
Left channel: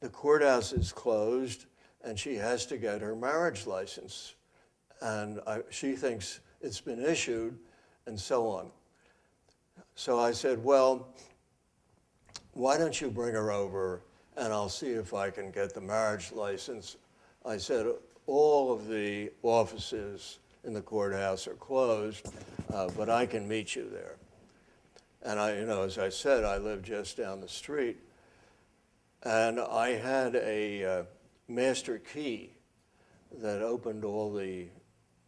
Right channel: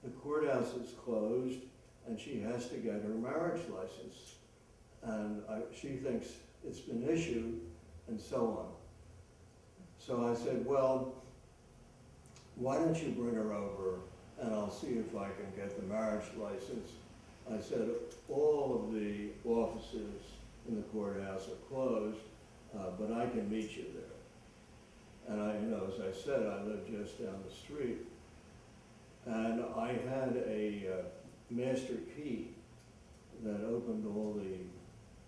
the courthouse is closed and she has to get her marriage license. And she thinks it's been issued and so on. So I said, well, why don't you bring her over and I'll see if I can get the marriage license. I said, all of the offices in the courthouse are closed, but I can meet you there. And as I said, I live just down the street. And I had a master key that opened all the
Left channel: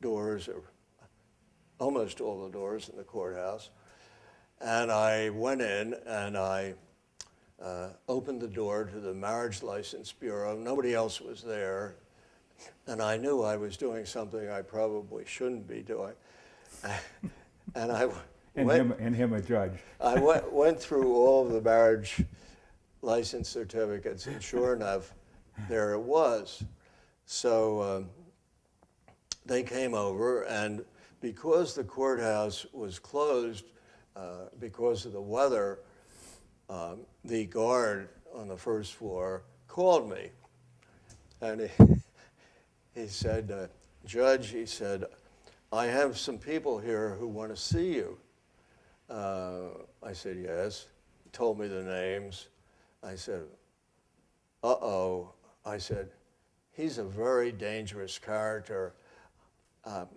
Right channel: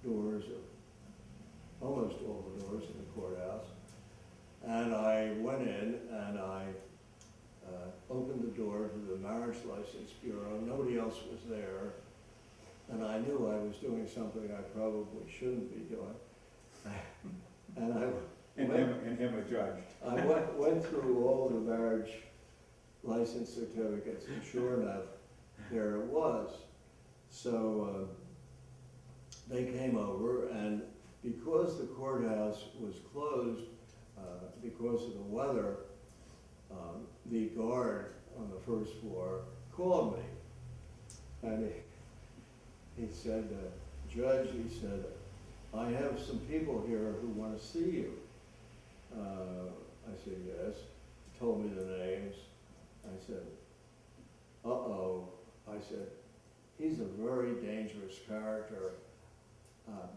doors, or almost all the doors in the courthouse. And I went in and I opened the door to the Marriage License Bureau. Nobody else was there. And I knew I was doing something I probably shouldn't be doing. And I him a judge. I went through all the marriage license certificates, and sure enough, there it was. So they came over, and because the courthouse was closed because of the weather, the guard on the first floor called me. And he said, Judge, he said, I have some people here who want to see you. I said, yes. He told me the names. I said, uh-oh. I said, he's a very dangerous character.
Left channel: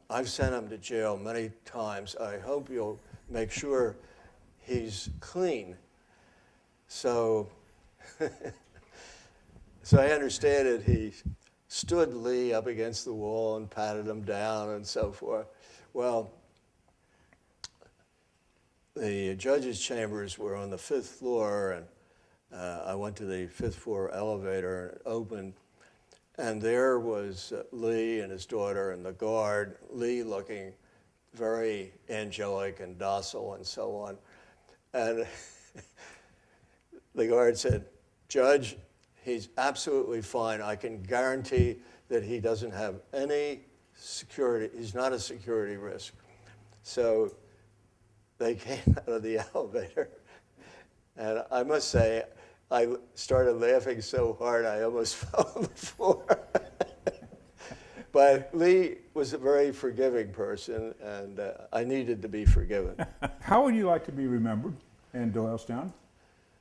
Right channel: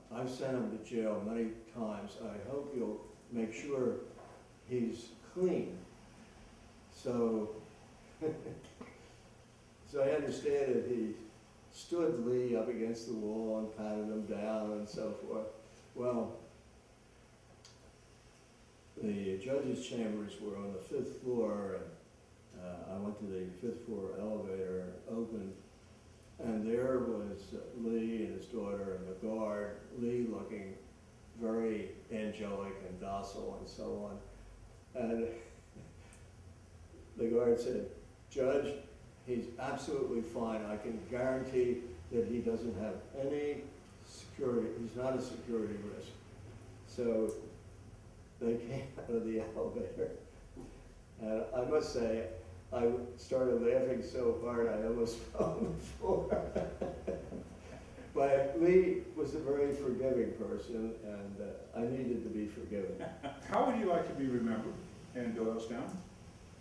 I've sent him to jail many times. I hope you'll make sure he's clean. So, so I understand it. He stood Lee up against the wall and patted him down and so forth. Well, the judge's chambers were on the 5th floor, and I went to the 5th floor elevator and it opened, and there was Lee and his daughter and the guard, Lee looking very angelic and docile and so on. And the guard said, Judge, he's absolutely fine. I can guarantee that he doesn't have any security. He's not a security risk. So they came out of the elevator, and I must say, I started laughing so hard I almost fell on the floor. But Lee was a very forgiving person, and I needed to be forgiven. How would you like to be remembered in Doylestown?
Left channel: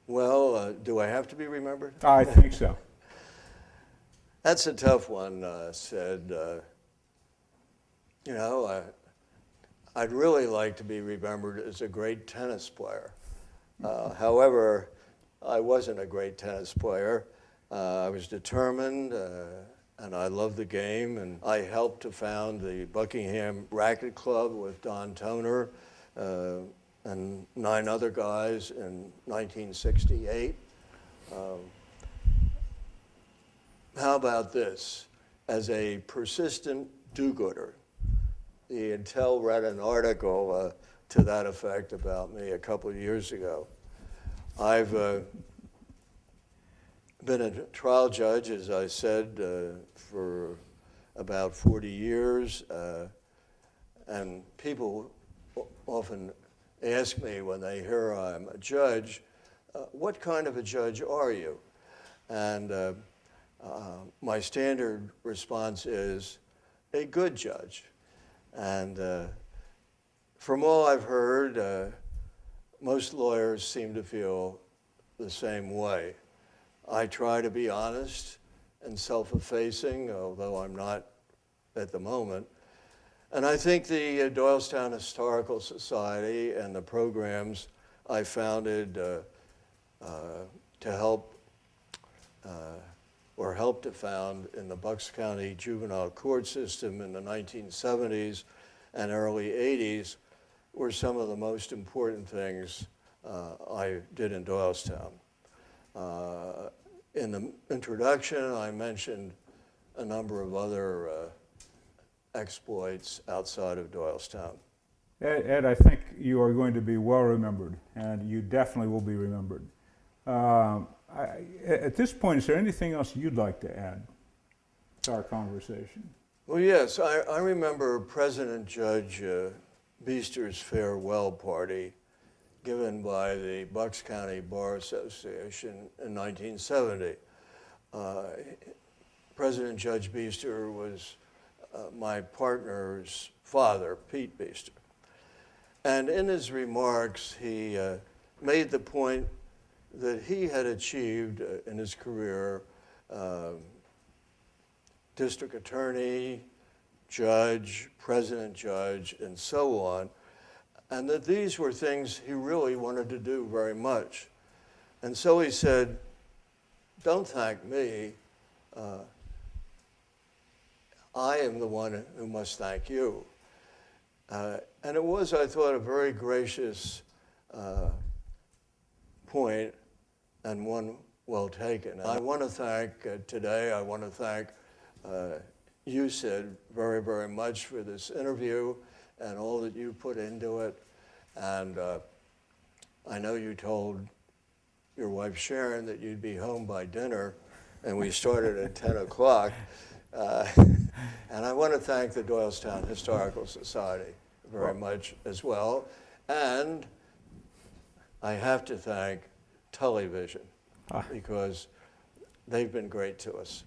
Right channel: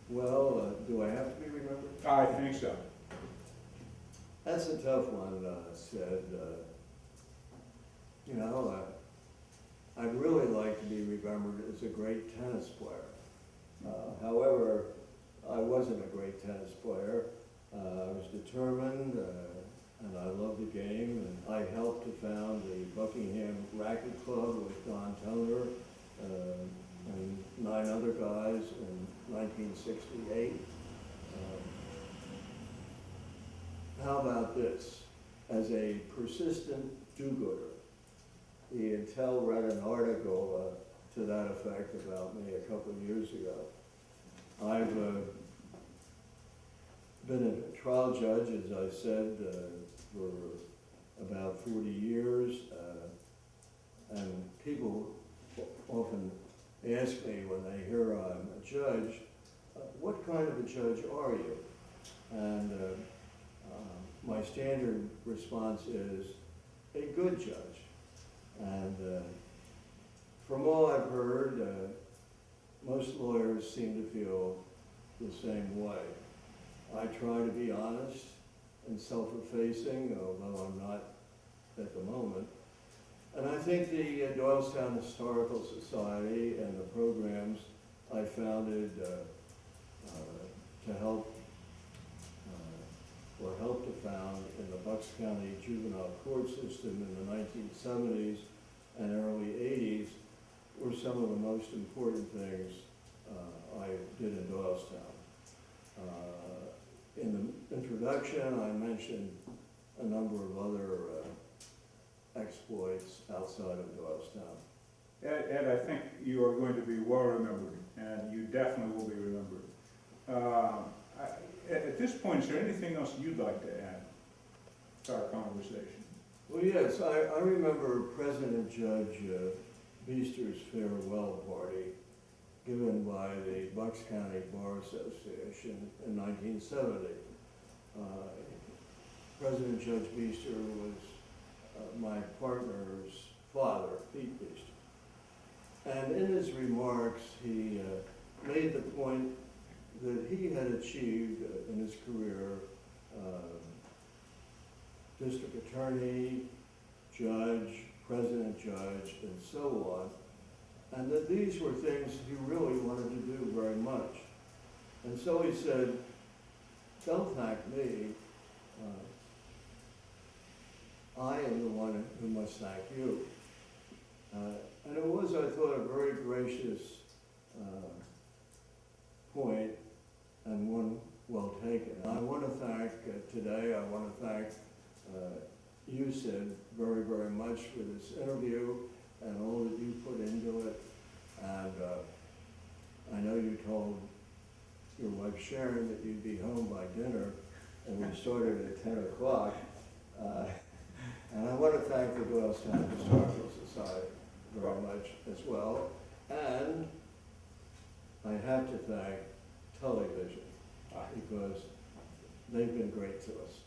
Well, do I have to be remembered? I think so. That's a tough one, Sid. I'd really like to be remembered as a great tennis player. However, I wasn't a great tennis player. I was determined, and I loved the game, and I helped to found the Buckingham Racket Club with Don Toner and 9 other guys in 1968. How about this? As a persistent do-gooder, the Intel read an article to that effect about me a couple of years ago. I've been a trial judge, as I said, for about 40 years, and people often ask me when they hear I'm a judge, what kind of a judge are you? And my standard response is a good judge. And from all I've heard, most lawyers seem to feel the same way. I try to be honest and self-effacing, although I'm not at the moment. And I think the Doylestown Historical Society and the programs I founded to help or helped to found in the Bucks County juvenile court system in the 1970s and early 80s were some of the most important things I did in Doylestown. In the introduction, I mentioned a number of other exploits outside of Doylestown. Ed, I think you are going to be well remembered, and you definitely will be remembered. At this point, is there anything else you'd like to add to our conversation? Well, yes, I remember President Judge Beester's farewell party given by the Bucks County Bar Association in 1970. President Judge Beester was my partner's father, Pete Beester. And in his remarks, he made the point that he had achieved in his career district attorney, judge, president judge, and so on, and that these were things he really wanted to do very much. And so he said, don't thank me, I am the one who must thank you. And it was, I thought, a very gracious point and one well taken. I want to thank today, I want to thank you, Sid, very, very much for this interview and all that you put into it. And I know you told your wife Sharon that you'd be home by dinner, and we started at 10 o'clock. And I want to thank the Doylestown Historical Society very much as well. And I have to thank Television because they've been great to us.